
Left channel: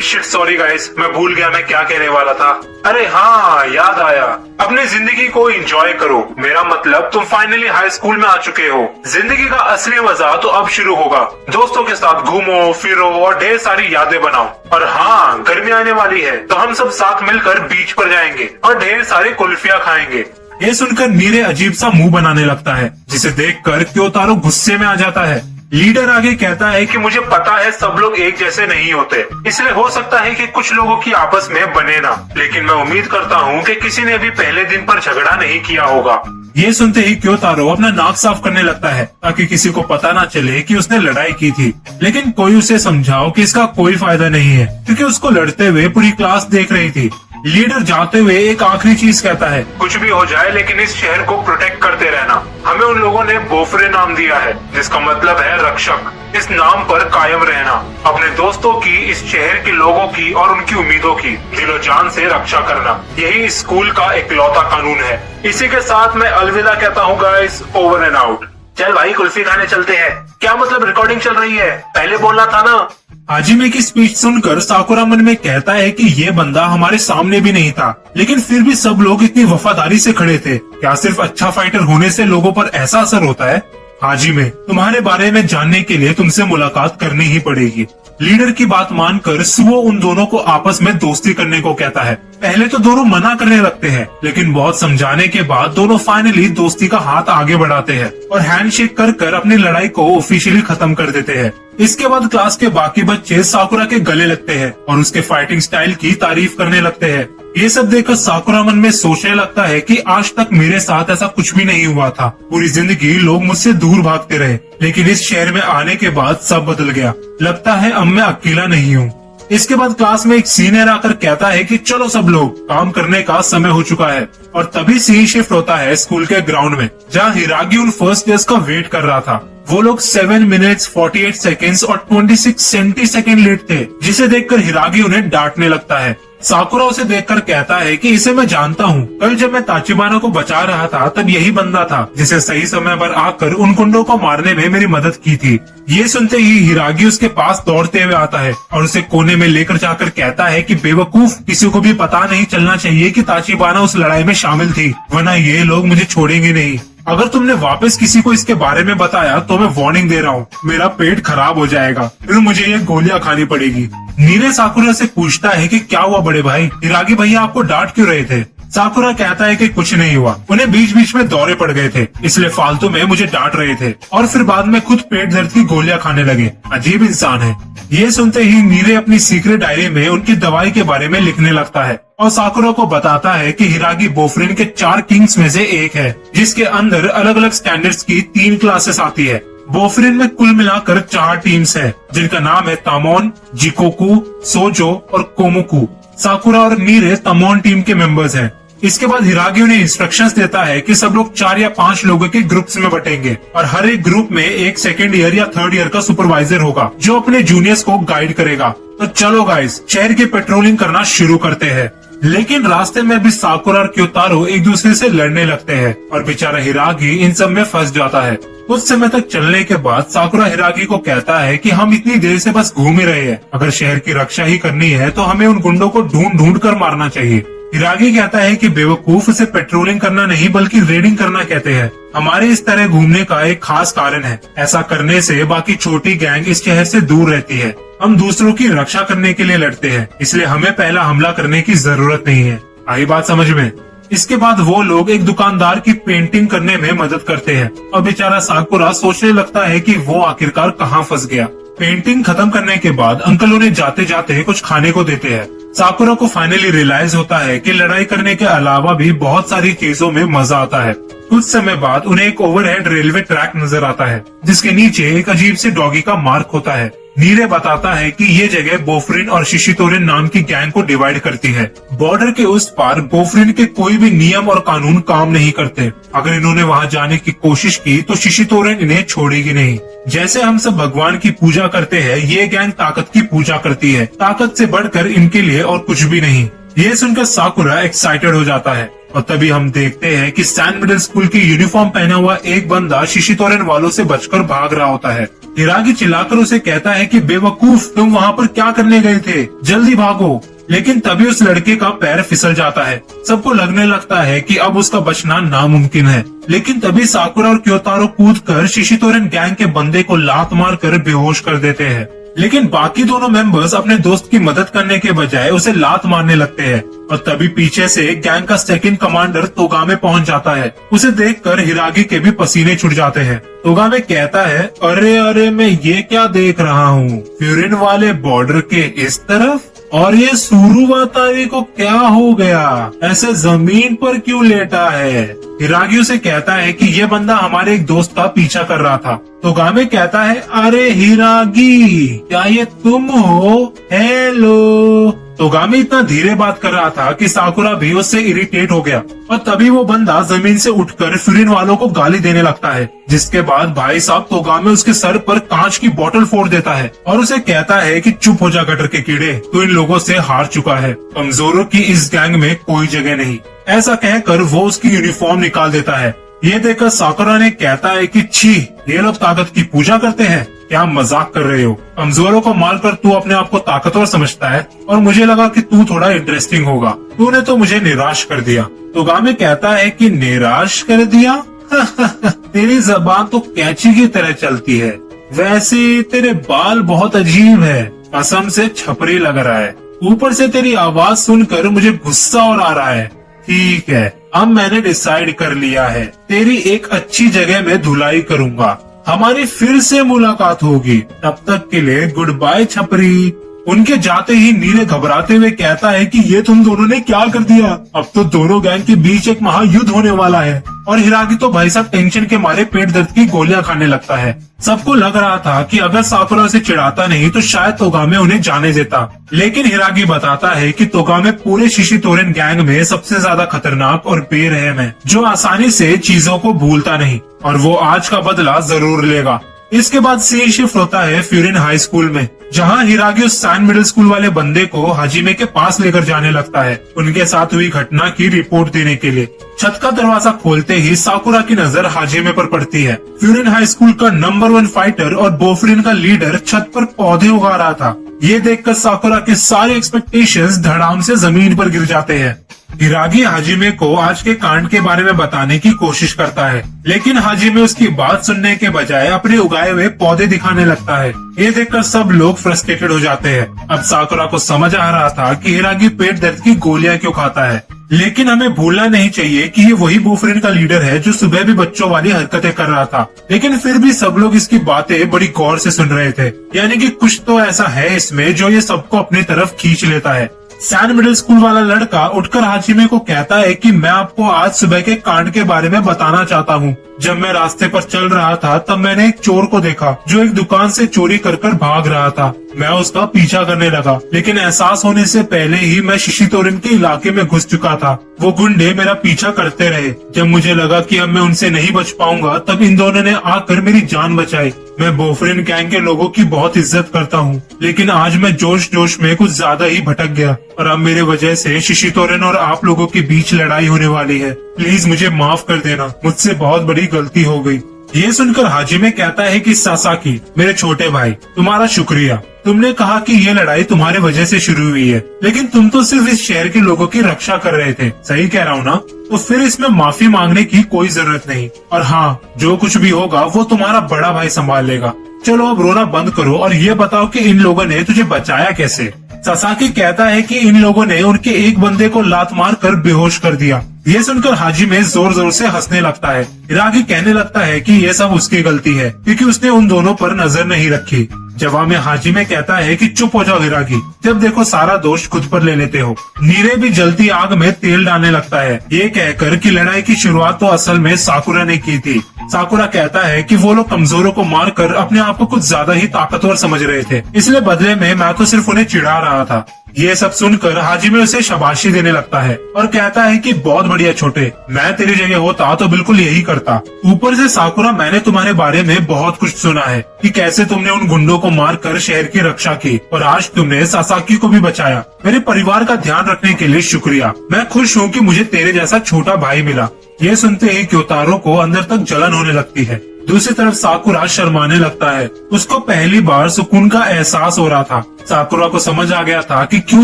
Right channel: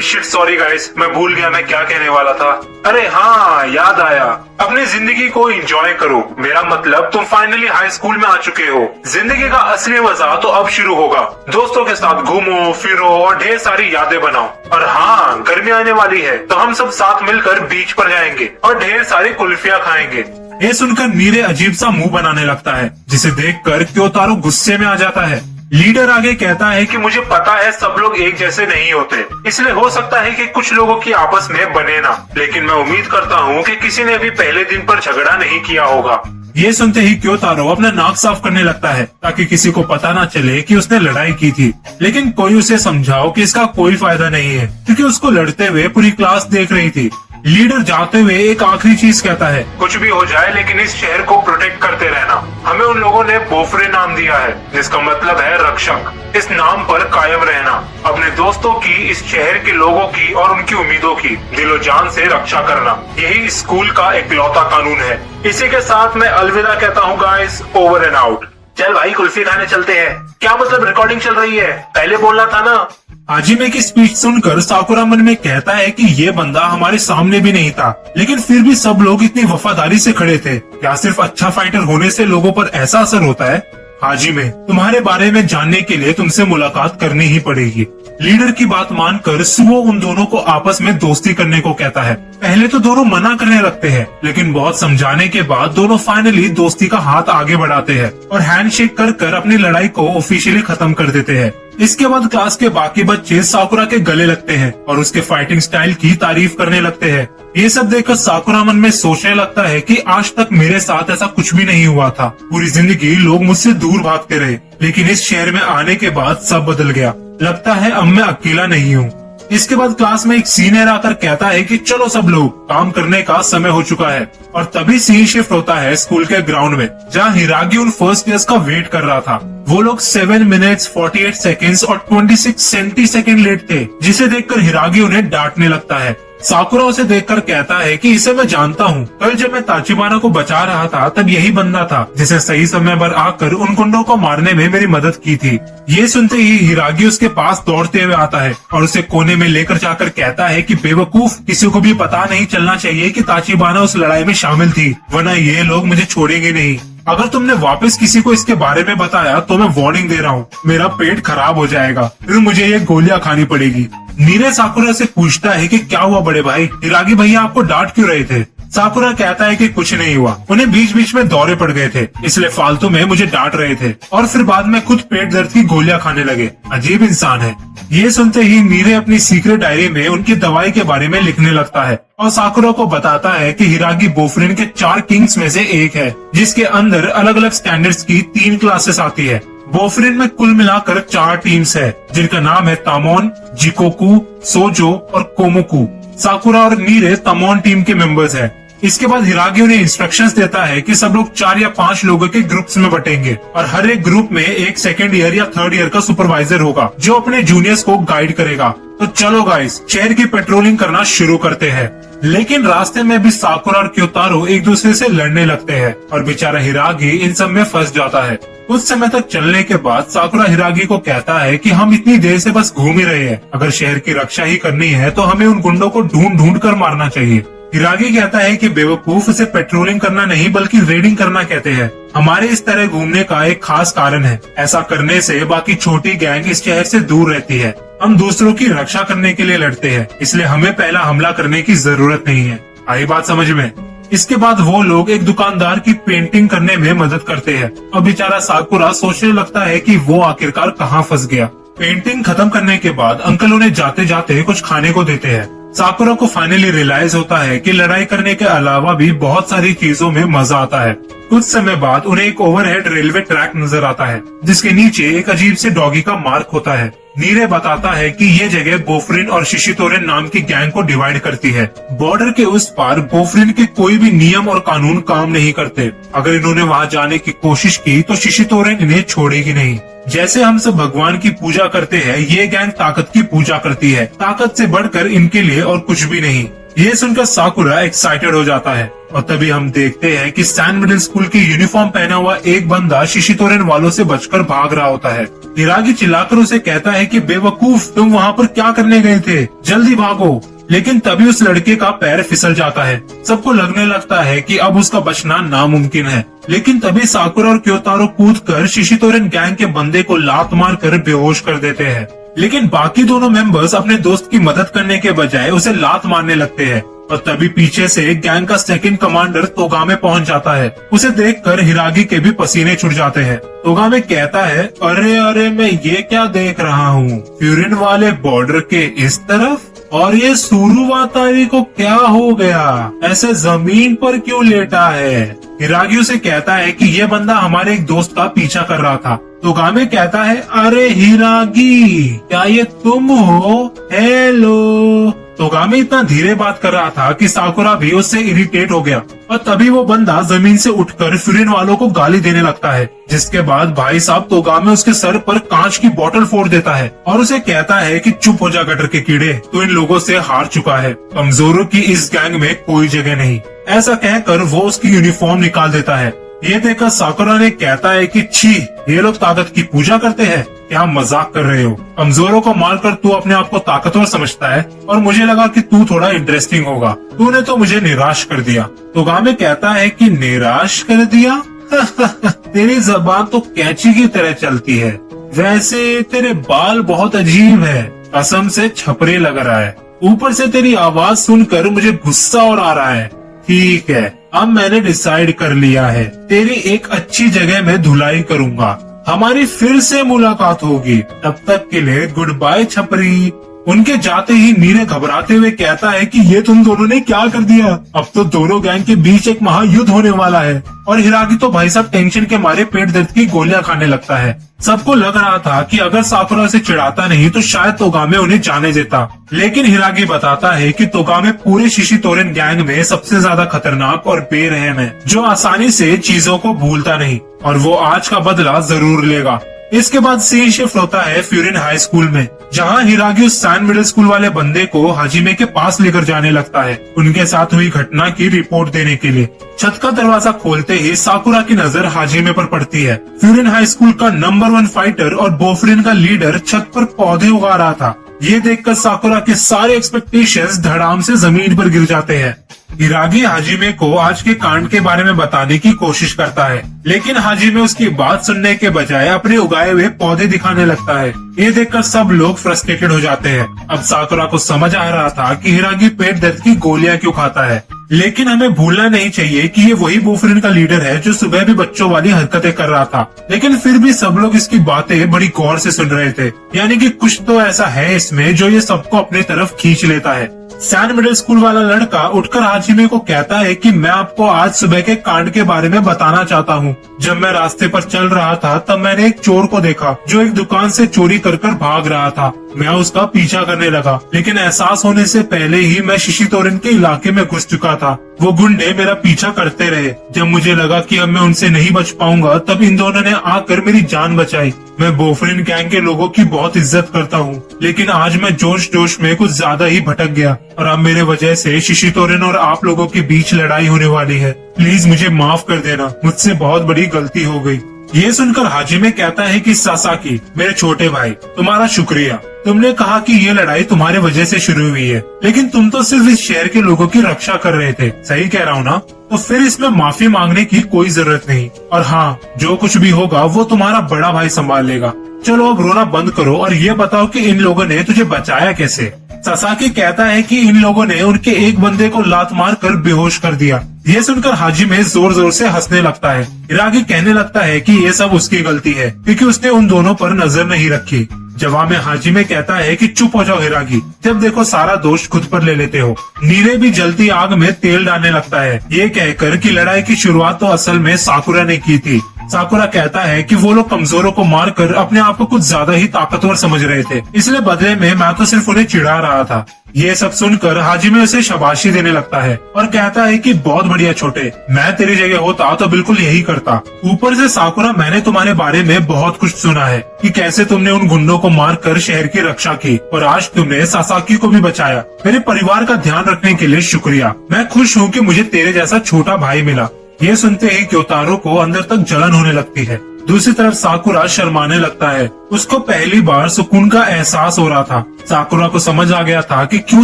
शिट सॉरी गाइस, मैं भूल गया मैं क्या कहने वाला था। अरे हाँ याद आया, अपनी जिंदगी को एंजॉय करो, मेरा मतलब तुम फाइनली हाई स्कूल में आ चुके हो। जिंदगी का असली मजा तो अब शुरू होगा। दोस्तों के साथ घूमो फिरो और ढेर सारी यादें बनाओ। और हाँ, गर्मी आने वाली है तो हम सब साथ मिलकर बीच पर जाएंगे और ढेर सारी कुल्फियाँ खाएंगे। ये सुनकर नीरे अजीब सा मुंह बनाने लगता है, जिसे देखकर क्योतारो गुस्से में आ जाता है। लीडर आगे कहता है कि मुझे पता है सब लोग एक जैसे नहीं होते, इसलिए हो सकता है कि कुछ लोगों की आपस में बने ना, लेकिन मैं उम्मीद करता हूँ कि किसी ने भी पहले दिन पर झगड़ा नहीं किया होगा। ये सुनते ही क्योतारो अपना नाक साफ करने लगता है ताकि किसी को पता ना चले कि उसने लड़ाई की थी। लेकिन कोई उसे समझाओ कि इसका कोई फायदा नहीं है, क्योंकि उसको लड़ते हुए पूरी क्लास देख रही थी। लीडर जाते हुए एक आखिरी चीज कहता है, कुछ भी हो जाए लेकिन इस शहर को प्रोटेक्ट करते रहना। हमें उन लोगों ने बोफ्रे नाम दिया है, जिसका मतलब है रक्षक। इस नाम पर कायम रहना, अपने दोस्तों की, इस शहर के लोगों की और उनकी उम्मीदों की दिलो जान से रक्षा करना, यही स्कूल का इकलौता कानून है। इसी के साथ मैं अलविदा कहता हूँ गाइस, ओवर एंड आउट। चल भाई कुल्फी खाने चलते हैं। क्या मतलब रिकॉर्डिंग चल रही है? पहले बोलना था ना। हाजिमे की स्पीच सुनकर साकुरा मन में कहता है कि ये बंदा हमारे सामने भी नहीं था, लेकिन फिर भी सब लोग इतनी वफादारी से खड़े थे। क्या सिर्फ अच्छा फाइटर होने से लोगों पर ऐसा असर होता है? हाजिमे, तुम्हारे बारे में जानने के लिए तुमसे मुलाकात करनी ही पड़ेगी। लीडर की बात मानकर सुओ उन दोनों को आपस में दोस्ती करने को कहता है। पहले तो दोनों मना करने लगते हैं, लेकिन बहुत समझाने के बाद दोनों फाइनली दोस्ती का हाथ आगे बढ़ाते हैं और हैंडशेक कर अपनी लड़ाई को ऑफिशियली खत्म कर देते हैं। इसके बाद क्लास के बाकी बच्चे साकुरा के गले लगते हैं और उसके फाइटिंग स्टाइल की तारीफ करने लगते हैं। ये सब देखकर साकुरा मन में सोचने लगता है कि आज तक मेरे साथ ऐसा कुछ भी नहीं हुआ था। पूरी जिंदगी लोग मुझसे दूर भागते रहे, लेकिन इस शहर में आने के बाद सब बदल गया। लगता है अब मैं अकेला नहीं हूँ। इसके बाद क्लास में एक सीनियर आकर कहता है कि चलो सब लोग, काम करने का समय हो चुका है। और तभी सीन शिफ्ट होता है स्कूल के ग्राउंड में, जहाँ हिरागी उन फर्स्ट ईयर्स का वेट कर रहा था। वो लोग 7 मिनट्स 48 सेकेंड्स और 26 सेंटीसेकेंड लेट थे, जिसे देखकर हिरागी उन्हें डांटने लगता है। साकुरा उसे देखकर कहता है कि इसे मैं जानता हूँ, कल जब मैं ताचिबाना को बचा रहा था तब यही बंदा था जिसे सही समय पर आकर उन कुंडों को मारने में मेरी मदद की थी। ये सुनते ही हिरागी उसके पास दौड़ते हुए आता है और उसे कोने में लेकर जाकर कहता है कि बेवकूफ, किसी को भी पता नहीं चलना चाहिए कि ताचिबाना उस लड़ाई में शामिल थी, वरना ये लोग मुझे छोड़ेंगे नहीं। अगर तुमने वापस किसी को इसके बारे में बताया तो मैं वार्निंग दे रहा हूँ, मेरा पेट खराब हो जाएगा, फिर मुझे ये गोलियां खानी पड़ेगी। नीरे साकुरा से पूछता है कि क्या हुआ बड़े भाई, हिरागी भैया आपको डांट क्यों रहे थे? साकुरा कहता है कि कुछ नहीं हुआ, उन्हें बीच बीच में दौरे पड़ गए थे, इसलिए फालतू में मुझे डांट रहे थे और फिर बाद में खुद पेट दर्द की गोलियां खाने लगे। अजीब इंसान है। ये सुनते ही मीरे अपनी सीक्रेट डायरी में उनकी दवाई के बारे में लिखने लगता है और साकुरा को बताता है कि हिरागी बोफरिन के 4 किंग्स में से एक है, जिसके अंदर अलग अलग स्टैंडर्ड्स की 3 क्लासेस आती है। बोफरिन में कुल मिलाकर 4 टीम्स है, जिनका नाम है तामोन, जिकोकू, सोजो और कोमोकू। साकुरा और मीरे तामोन टीम के मेंबर्स हैं। इसके बाद हिरागी उन्हें इंस्ट्रक्शंस देता है कि सब लोग 4 या 5 लोगों के ग्रुप्स में बटेंगे और हर एक ग्रुप में एक 2nd ईयर या 3rd ईयर का सुपरवाइजर होगा जो अपने जूनियर्स को गाइड करेगा। तो चलो गाइस, शहर की पेट्रोलिंग करना शुरू करते हैं। लेकिन रास्ते में भी साकुरा और क्योतारो एक दूसरे से लड़ने लगते हैं और बेचारा हिरागी इन सब में फंस जाता है। कुछ समय तक चलने के बाद साकुरा हिरागी को कहता है कि हम इतनी देर से बस घूम ही रहे हैं, अगर शहर की रक्षा ही करनी है तो हमें उन गुंडों को ढूंढ ढूंढ कर मारना चाहिए। हिरागी कहता है कि बेवकूफ उसे पेट्रोलिंग करना नहीं बल्कि रेडिंग करना कहते हैं। हमारे इस तरह घूमने का एक खास कारण है, ऐसा करने से बाकी छोटी गैंग इस शहर से दूर रहती है। हम दूसरों की रक्षा करने के लिए लड़ते हैं, इसलिए हमें पहला हमला करने की जरूरत नहीं है। आई बात समझ में? इसके बाद वो लोग एक दुकानदार की पेंटिंग करने में मदद करते हैं और बेचारा साकुरा सोचने लगता है कि वो आखिरकार कहाँ फंस गया। पेंटिंग खत्म करने के बाद अंकल उन्हें जाते जाते कुछ खाने को देते हैं। साकुरा को फाइनली रियलाइज होता है कि लड़ाई करने के अलावा भी बहुत सारी चीजों में मजा आता है। कुछ समय बाद उन्हें एक ओवरहेड रेलवे ट्रैक नजर आता है, जिसके नीचे एक अजीब से डॉगी का मार्क होता है। नीरे बताता है कि ये जगह बोफरिन और शिशितोरेन नाम की गैंग को डिवाइड करती है। बॉर्डर के उस पार बोफरिन के कोई भी नियम और कानून काम नहीं करते। अगर इन्होंने वहाँ जाने की कोशिश की तो शिशितोरेन इन्हें छोड़ेगी नहीं। जैसे हम सब भगवान की पूजा करते हैं, ये गैंग ताकत की पूजा करती है। ताकत से बढ़कर इनके लिए और कुछ भी नहीं। ये सुनकर साकुरा एक्साइटेड हो जाता है और तभी हम देखते हैं कि सैन मिडिल स्कूल की यूनिफॉर्म पहना हुआ एक बंदा शिशितोरेन वालों से बचकर भाग रहा होता है। हिरागी चिल्लाकर उसे कहता है कि बेवकूफ, तुम वहाँ पर क्या करने गए थे, जल्दी भागो। लेकिन तभी उस लड़के का पैर फिसल जाता है। सबको लगने लगता है कि अब उसका बचना नामुमकिन है। लेकिन तभी साकुरा और क्योतारो कूदकर शिशितोरेन गैंग के बंदे को लात मार कर बेहोश कर देते हैं। लेकिन बाकी दोनों मेंबर्स अपने दोस्त की मदद करने के बजाय उसे लात मारने लगते हैं और तभी पीछे से गैंग का 2nd कमांडर तोगामे पहुंच जाता है। उसे देखकर हिरागी के भी पसीने छूट जाते हैं। तोगामे कहता है, अरे अरे मैं ये क्या देख रहा हूँ, फ्यूरिन वाले बॉर्डर के इस तरफ, और ये सुरुवातारी को क्या हो गया, ऐसे जमीन पर क्यों लेटा है। हिरागी उसे कहता है कि यह बंदा हमारे एक दोस्त का पीछा कर रहा था। तोगामे कहता है, अरे हिरागी, क्या ये तुम हो? हेलो। तोगामे इतना धीरे बात कर रहा था कि साकुरा भी उससे इरिटेट हो गया और तभी वो बंदा जमीन से उठकर फ्यूरिन वालों को गाली देने लगता है। जिसके बाद भाई साहब तोगामे उसके सर पर कांच की बोतल फोड़ देता है और उसे कहता है कि चुप हो जा गटर के कीड़े, तू इन लोगों से हार चुका है, कमजोरों की इस गैंग में कोई जगह नहीं। ऐसा कहकर वो उसकी यूनिफॉर्म निकाल देता है। ये देखकर साकुरा ने कहता है कि छी, ये लोग ताकत की पूजा करते हैं, क्या मजाक कर रहे हो? कमजोरों को मारकर तू अपने आप को ताकतवर समझता है और मुझे लगा कि तू थोड़ा इंटरेस्टिंग होगा, तूने तो मुझे निराश कर दिया। तोगामे कहता है कि निराश कर दिया? तेरी जबान तो कैंची की तरह चलती है। वैसे तेरे बाल बहुत अजीब है, कसम से छपरे लग रहा है। ऊपर से तेरी आवाज सुनकर मुझे गुस्सा और आ रहा है। ठीक है, अब मैंने डिसाइड कर लिया है, तेरी एक अच्छी जगह में धुलाई करूंगा, हमारी फिर से मुलाकात होगी। तब तक के लिए गुड बाय छपरी। उनके जाते ही नीरे घबराते हुए कहता है कि ये तुम दोनों ने क्या कर दिया, अब तो दोनों गैंग के बीच एक महायुद्ध होने वाला है। और हिरागी तो भाई साहब टेंशन के मारे पेट दर्द की गोलियां खाने लगता है। सबको लग रहा था कि अगर साकुरा से चिढ़ाता नहीं तो शायद तोगामे उन्हें जाने देता, लेकिन हिरागी बताता है कि तोगामे पूरे शिशितोरेन गैंग में सबसे ज्यादा खतरनाक और बेरहम है, जो आसानी से चीजों को भूलता नहीं और वो आज का बदला जरूर लेगा। इसके बाद सीन शिफ्ट होता है फ्यूरिन हाई स्कूल में, जहां हिरागी उस सैन मिडिल स्कूल वाले बंदे को हाजिमे के पास लेकर जाने लगता है उनके साथ हुई घटना की रिपोर्ट देने के लिए। छत का दरवाजा खोलते ही साकुरा की नजर हाजिमे पर पड़ती है। फ्यूरिन हाई स्कूल का नंबर 1 फाइटर और बोफरिन का लीडर छत पर पौधे उगा रहा था। ये देखकर साकुरा के सारे एक्सपेक्टेशंस धड़ाम से जमीन पर गिर जाते हैं। हिरागी हाजिमे को आज के कांड के बारे में बताने की कोशिश करता है, लेकिन हाजिमे उसकी बात सुनने के बजाय अपने उगाए हुए पौधे दिखाने लगता है। ये देखकर सब लोग फ्रस्ट्रेटेड हो जाते हैं। अब साकुरा को समझ आ रहा था कि हिरागी पेट दर्द की गोलियां क्यों खाता है, लेकिन हमें भूलना नहीं चाहिए कि ये वही बोयफ्रेंड का लीडर है जो सुबह भी बच्चों वाली हरकतें कर रहा था। लेकिन फिर भी सब लोग इसकी बातें बड़ी गौर से सुन रहे थे, यानी कि कुछ तो ऐसा है इसमें जो ये सबको अपने तरफ खींच लेता है। सैन मिडिल स्कूल वाला लड़का उठकर हाजिमे को कहता है कि मैं आपको आज सुबह के कांड के बारे में बताना चाहता हूँ। जब मैं रास्ते पर चल रहा था तब मैंने एक चोर को देखा जो एक दुकान से चोरी कर भाग रहा था। मैं उसका पीछा करने लगा, लेकिन एहसास होने से पहले ही मैं शिशितोरन के इलाके में घुस चुका था। वो गुंडे मेरा पीछा करते रहे। जब मुझे लगा कि अब मैं उनसे नहीं बच पाऊंगा तब इन दोनों ने आकर मेरी जान बचाई। मैं बोयफ्रेंड गैंग के लोगों की बहुत इज्जत करता हूँ, लेकिन आज मैं जोश जोश में कुछ ज्यादा ही भटक गया और अब मेरे वजह से शिशितोरन और आप लोगों के बीच लड़ाई होने वाली है। प्लीज मुझे माफ कर देना, मुझसे बहुत बड़ी गलती हो गई। ये सुनकर हाजिमे कहता है कि सासाकी, मेरे छोटे भाई, तुम्हारा शुक्रिया। तुमने कहा कि ये लड़ाई तुम्हारी वजह से शुरू हुई है, लेकिन तुम तो सिर्फ इस शहर के लोगों की रक्षा कर रहे थे। सही कह रहा हूँ ना? तो फिर इसमें माफी मांगने की कोई जरूरत नहीं। और हाँ, जो कुछ भी होगा वो तुम्हारा बड़ा भाई संभाल लेगा। चलो अब रोना बंद करो और ये बताओ कि इन लोगों ने तुझे बचाया कैसे? सासाकी कहता है कि इन लोगों ने उनके एक बंदे को लात मार कर बेहोश कर दिया। ये सुनकर हाजिमे जोर जोर से हंसने लगता है। हिरागी कहने लगता है कि ये सब उसकी गलती है क्योंकि उसने उन दोनों पर नजर नहीं रखी। जवाब में हाजिमे कहता है कि चुप हो जाओ हिरागी, जब देखो सारा दोष खुद पर ले लेते हो। नीरे भी जलती आग में तेल डालने लगता है, ये कहकर कि लड़ाई की शुरुआत तो असल में साकुरा ने की थी। साकुरा कहता है कि वो लोग कमजोरों को मारकर अपने आप को कुछ ज्यादा ही ताकतवर समझ रहे थे, इसलिए बदले में मैं तो सिर्फ उन्हें चिढ़ा रहा था। ये सब सुनकर हाजिमे उसे शाबाशी देने लगता है और कहता है कि बहुत बढ़िया छोटे, मैं तेरी जगह होता तो बिल्कुल यही करता। ऊपर से साकुरा, मैंने तुम्हारे बारे में बहुत कुछ सुना है कि कैसे तुमने उन गुंडों को मारकर शहर की रक्षा की और आज तुमने सासाकी को भी बचाया। मेरे परिवार का ध्यान रखने के लिए शुक्रिया। मैं खुश हूँ कि मुझे तेरे जैसा छोटा भाई मिला। ये सुनते ही क्योतारो को अंदर तक जलन होने लगती है। दूसरी तरफ साकुरा शर्माने लगता है। उसको पहली बार सुकून का एहसास हो रहा था। साकुरा को समझ आ गया था कि क्यों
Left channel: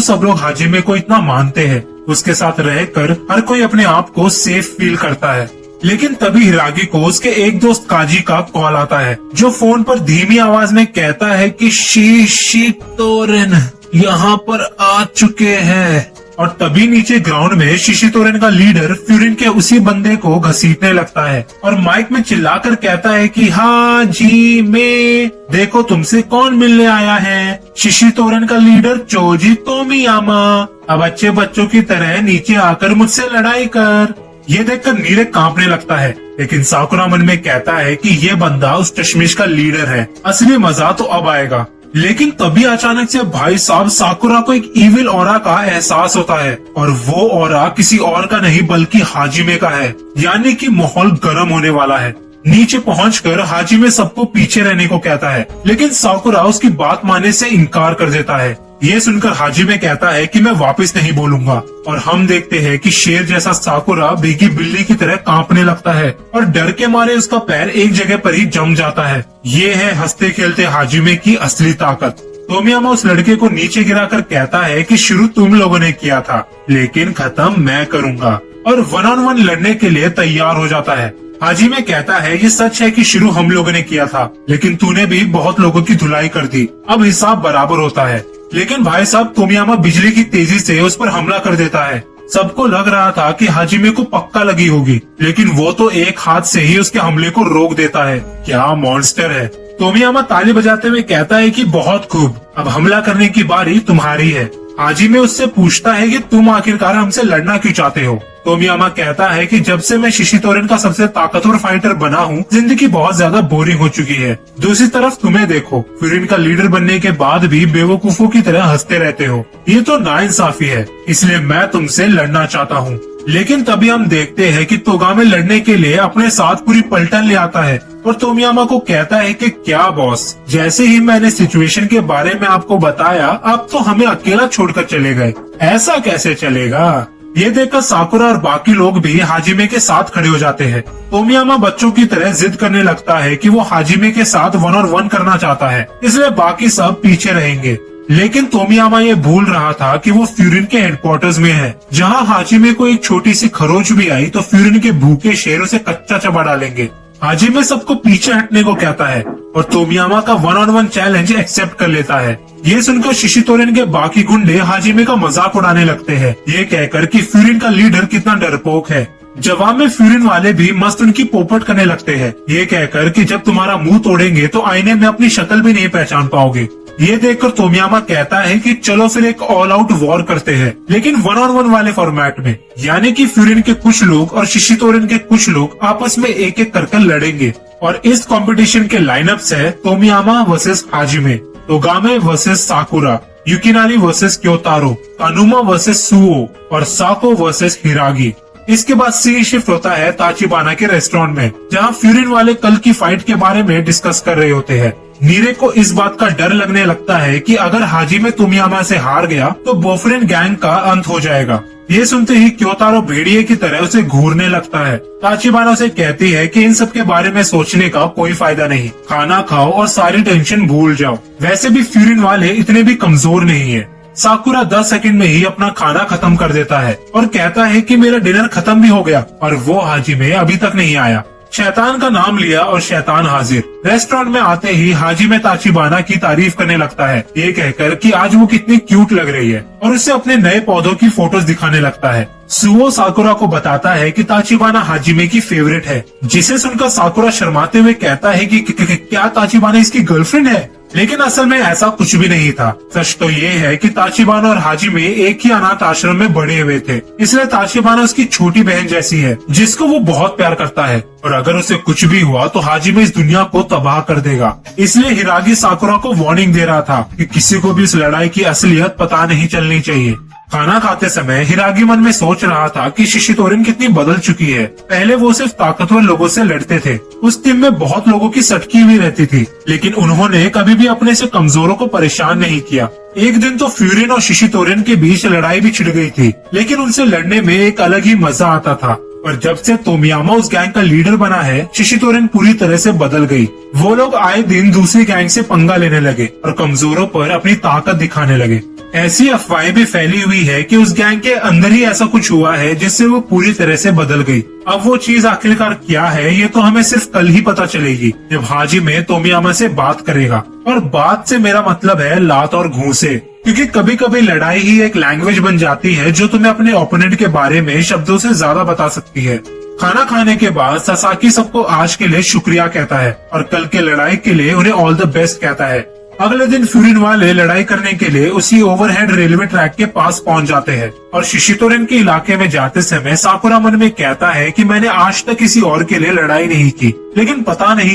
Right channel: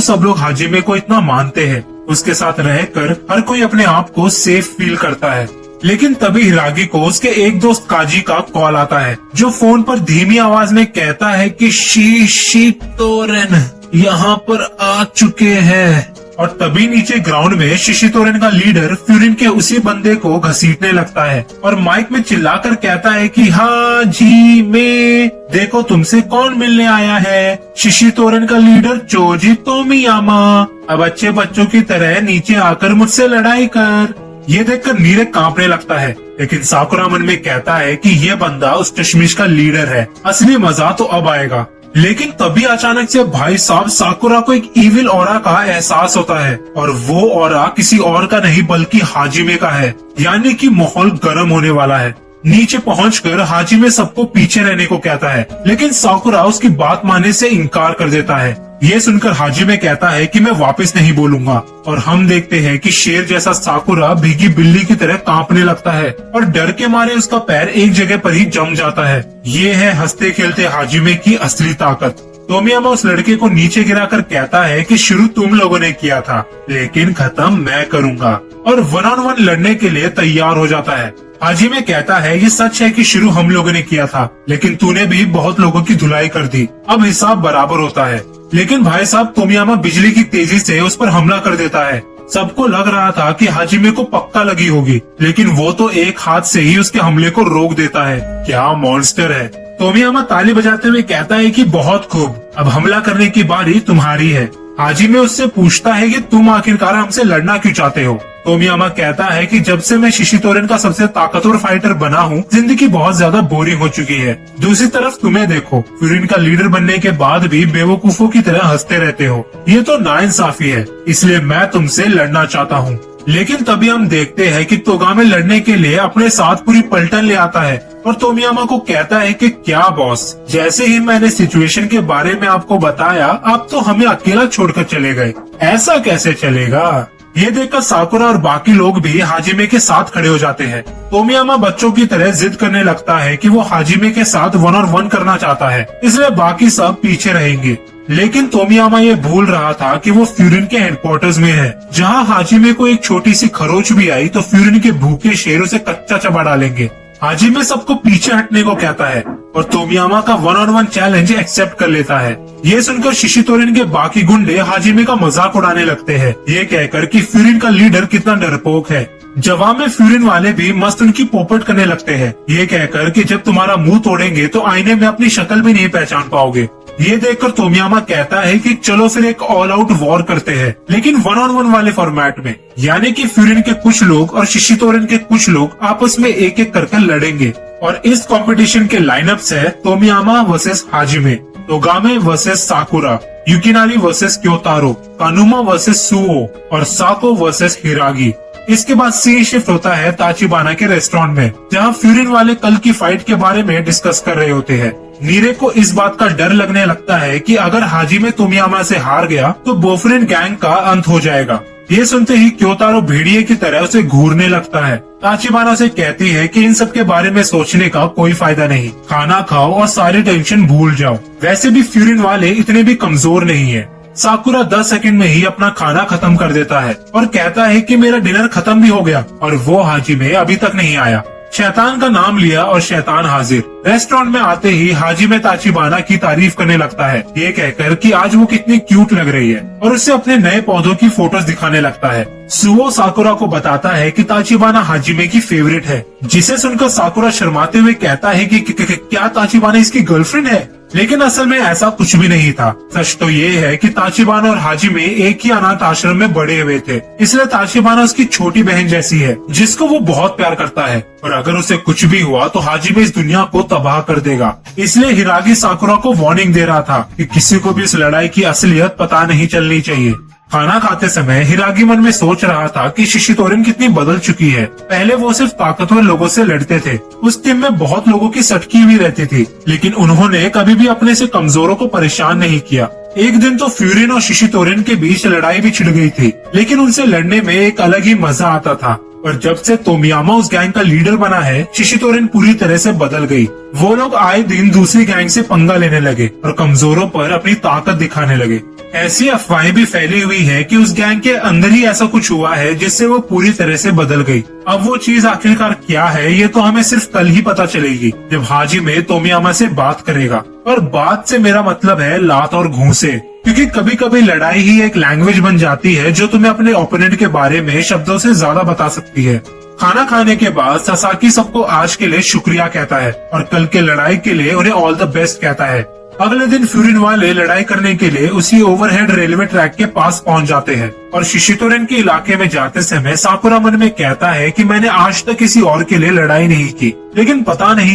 सब लोग हाजिमे को इतना मानते हैं। उसके साथ रहकर हर कोई अपने आप को सेफ फील करता है। लेकिन तभी हिरागी को उसके एक दोस्त काजी का कॉल आता है, जो फोन पर धीमी आवाज में कहता है कि शिशितोरन यहाँ पर आ चुके हैं। और तभी नीचे ग्राउंड में शिशितोरन का लीडर फ्यूरिन के उसी बंदे को घसीटने लगता है और माइक में चिल्लाकर कहता है कि हाजिमे, देखो तुमसे कौन मिलने आया है। शिशितोरन का लीडर चोजी तोमियामा। अब अच्छे बच्चों की तरह नीचे आकर मुझसे लड़ाई कर। ये देखकर नीरे कांपने लगता है, लेकिन साकुरा मन में कहता है कि ये बंदा उस चश्मिश का लीडर है, असली मजा तो अब आएगा। लेकिन तभी अचानक से भाई साहब साकुरा को एक इविल ऑरा का एहसास होता है और वो ऑरा किसी और का नहीं बल्कि हाजिमे का है, यानी कि माहौल गर्म होने वाला है। नीचे पहुंचकर हाजिमे सबको पीछे रहने को कहता है, लेकिन साकुरा उसकी बात मानने से इनकार कर देता है। ये सुनकर हाजिमे कहता है कि मैं वापस नहीं बोलूंगा और हम देखते हैं कि शेर जैसा साकुरा भीगी बिल्ली की तरह कांपने लगता है और डर के मारे उसका पैर एक जगह पर ही जम जाता है। ये है हंसते खेलते हाजिमे की असली ताकत। तोमियामा उस लड़के को नीचे गिराकर कहता है कि शुरू तुम लोगों ने किया था, लेकिन खत्म मैं करूंगा, और 1-on-1 लड़ने के लिए तैयार हो जाता है। हाजिमे कहता है ये सच है कि शुरू हम लोगों ने किया था, लेकिन तूने भी बहुत लोगों की धुलाई कर दी, अब हिसाब बराबर होता है। लेकिन भाई साहब तोमियामा बिजली की तेजी से उस पर हमला कर देता है। सबको लग रहा था कि हाजिमे को पक्का लगी होगी, लेकिन वो तो एक हाथ से ही उसके हमले को रोक देता है। क्या मॉन्स्टर है। तोमियामा ताली बजाते हुए कहता है कि बहुत खूब, अब हमला करने की बारी तुम्हारी है। हाजिमे उससे पूछता है कि तुम आखिरकार हमसे लड़ना क्यों चाहते हो। तोमियामा कहता है कि जब से मैं शिशितोरन का सबसे ताकतवर फाइटर बना हूँ, जिंदगी बहुत ज्यादा बोरिंग हो चुकी है। दूसरी तरफ तुम्हें देखो, फ्यूरिन का लीडर बनने के बाद भी बेवकूफों की तरह हंसते रहते हो। ये तो नाइंसाफी है, इसलिए मैं तुमसे लड़ना चाहता हूँ। लेकिन तभी हम देखते हैं कि तोगामे लड़ने के लिए अपने साथ पूरी पलटन ले आता है और तोमियामा को कहता है कि क्या बॉस, जैसे ही मैंने सिचुएशन के बारे में आपको बताया, आप तो हमें अकेला छोड़कर चले गए। ऐसा कैसे चलेगा। ये देखकर साकुरा और बाकी लोग भी हाजिमे के साथ खड़े हो जाते हैं। तोमियामा बच्चों की तरह जिद करने लगता है कि वो हाजिमे के साथ 1-on-1 करना चाहता है, इसलिए बाकी सब पीछे रहेंगे। लेकिन तोमियामा ये भूल रहा था कि वो फ्यूरिन के हेडक्वार्टर्स में है, जहाँ हाजिमे को एक छोटी सी खरोच भी आई तो फ्यूरिन के भूखे शेर उसे कच्चा चबा डालेंगे। हाजिमे सबको पीछे हटने को कहता है और तोमियामा का 1-on-1 चैलेंज एक्सेप्ट कर लेता है। ये सुनकर शिशितोरिन के बाकी गुंडे हाजिमे का मजाक उड़ाने लगते हैं, ये कहकर कि फ्यूरिन का लीडर कितना डरपोक है। जवाब में फ्यूरिन वाले भी मस्त उनकी पोपट करने लगते हैं, ये कहकर कि जब तुम्हारा मुंह तोड़ेंगे तो आईने में अपनी शक्ल भी नहीं पहचान पाओगे। ये देखकर तोमियामा कहता है कि चलो फिर एक ऑल आउट वॉर करते हैं, लेकिन 1-on-1 वाले फॉर्मेट में, यानी कि फ्यूरिन के कुछ लोग और शिशितोरिन के कुछ लोग आपस में एक एक करके लड़ेंगे। और इस कंपटीशन के लाइनअप्स है Tomiyama versus Hajime, Togame versus Sakura, Yukinari versus Kyotaro, Kanuma versus Suo और साको वर्सेस हिरागी। इसके बाद सीन शिफ्ट होता है ताचिबाना के रेस्टोरेंट में, जहां फ्यूरिन वाले कल की फाइट के बारे में डिस्कस कर रहे होते हैं। नीरे को इस बात का डर लगने लगता है कि अगर हाजिमे तोमियामा से हार गया तो बोफरिन गैंग का अंत हो जाएगा। ये सुनते ही क्योतारो भेड़िए की तरह उसे घूरने लगता है। ताचिबाना उसे कहती है कि इन सब के बारे में सोचने का कोई फायदा नहीं, खाना खाओ और सारी टेंशन भूल जाओ। वैसे भी फ्यूरिन वाले इतने भी कमजोर नहीं है। साकुरा 10 सेकंड में ही अपना खाना खत्म कर देता है और कहता है कि मेरा डिनर खत्म भी हो गया और वो हाजिमे अभी तक नहीं आया। शैतान का नाम लिया और शैतान हाजिर। रेस्टोरेंट में आते ही हाजिमे ताचिबाना की तारीफ करने लगता है, ये कहकर कि आज वो कितनी क्यूट लग रही है, और उसे अपने नए पौधों की फोटोज दिखाने लगता है। सुओ साकुरा को बताता है कि ताचिबाना हाजिमे की फेवरेट है, जिसे सुनकर साकुरा शर्माते हुए कहता है कि क्या ताचिबाना इसकी गर्लफ्रेंड है? लेकिन असल में ऐसा कुछ भी नहीं था। सच तो ये है कि ताचिबाना और हाजिमे एक ही अनाथ आश्रम में बड़े हुए थे, इसलिए ताचिबाना उसकी छोटी बहन जैसी है, जिसको वो बहुत प्यार करता है, और अगर उसे कुछ भी हुआ तो हाजिमे इस दुनिया को तबाह कर देगा। इसलिए हिरागी साकुरा को वार्निंग दे रहा था कि किसी को भी इस लड़ाई की असलियत पता नहीं चलनी चाहिए। खाना खाते समय हिरागी मन में सोच रहा था कि शिशितोरिन कितनी बदल चुकी है। पहले वो सिर्फ ताकतवर लोगों से लड़ते थे, उस टीम में बहुत लोगों की सटकी हुई रहती थी, लेकिन उन्होंने कभी भी अपने से कमजोरों को परेशान नहीं किया। एक दिन तो फ्यूरिन और शिशितोरिन के बीच लड़ाई भी छिड़ गई थी, लेकिन उनसे लड़ने में एक अलग ही मजा आता था। पर जब से तोमियामा उस गैंग का लीडर बना है, शिशितोरिन पूरी तरह से बदल गई। वो लोग आए दिन दूसरी गैंग से पंगा लेने लगे और कमजोरों पर अपनी ताकत दिखाने लगे। ऐसी अफवाहें भी फैली हुई है कि उस गैंग के अंदर ही ऐसा कुछ हुआ है जिससे वो पूरी तरह से बदल गई। अब वो चीज आखिरकार क्या है, ये तो हमें सिर्फ कल ही पता चलेगी, जब हाजिमे तोमियामा से बात करेगा। पर बात से मेरा मतलब है लात और घूंसे, क्योंकि कभी कभी लड़ाई ही एक लैंग्वेज बन जाती है जो तुम्हें अपने ओपोनेंट के बारे में शब्दों से ज्यादा बता सकती है। खाना खाने के बाद ससाकी सबको आज के लिए शुक्रिया कहता है और कल के लड़ाई के लिए उन्हें ऑल द बेस्ट कहता है। अगले दिन फ्यूरिन वाले लड़ाई करने के लिए उसी ओवरहेड रेलवे ट्रैक के पास पहुंच जाते हैं और शिशितोरिन के इलाके में जाते समय साकुरा मन में कहता है कि मैंने आज तक किसी और के लिए लड़ाई नहीं की, लेकिन पता नहीं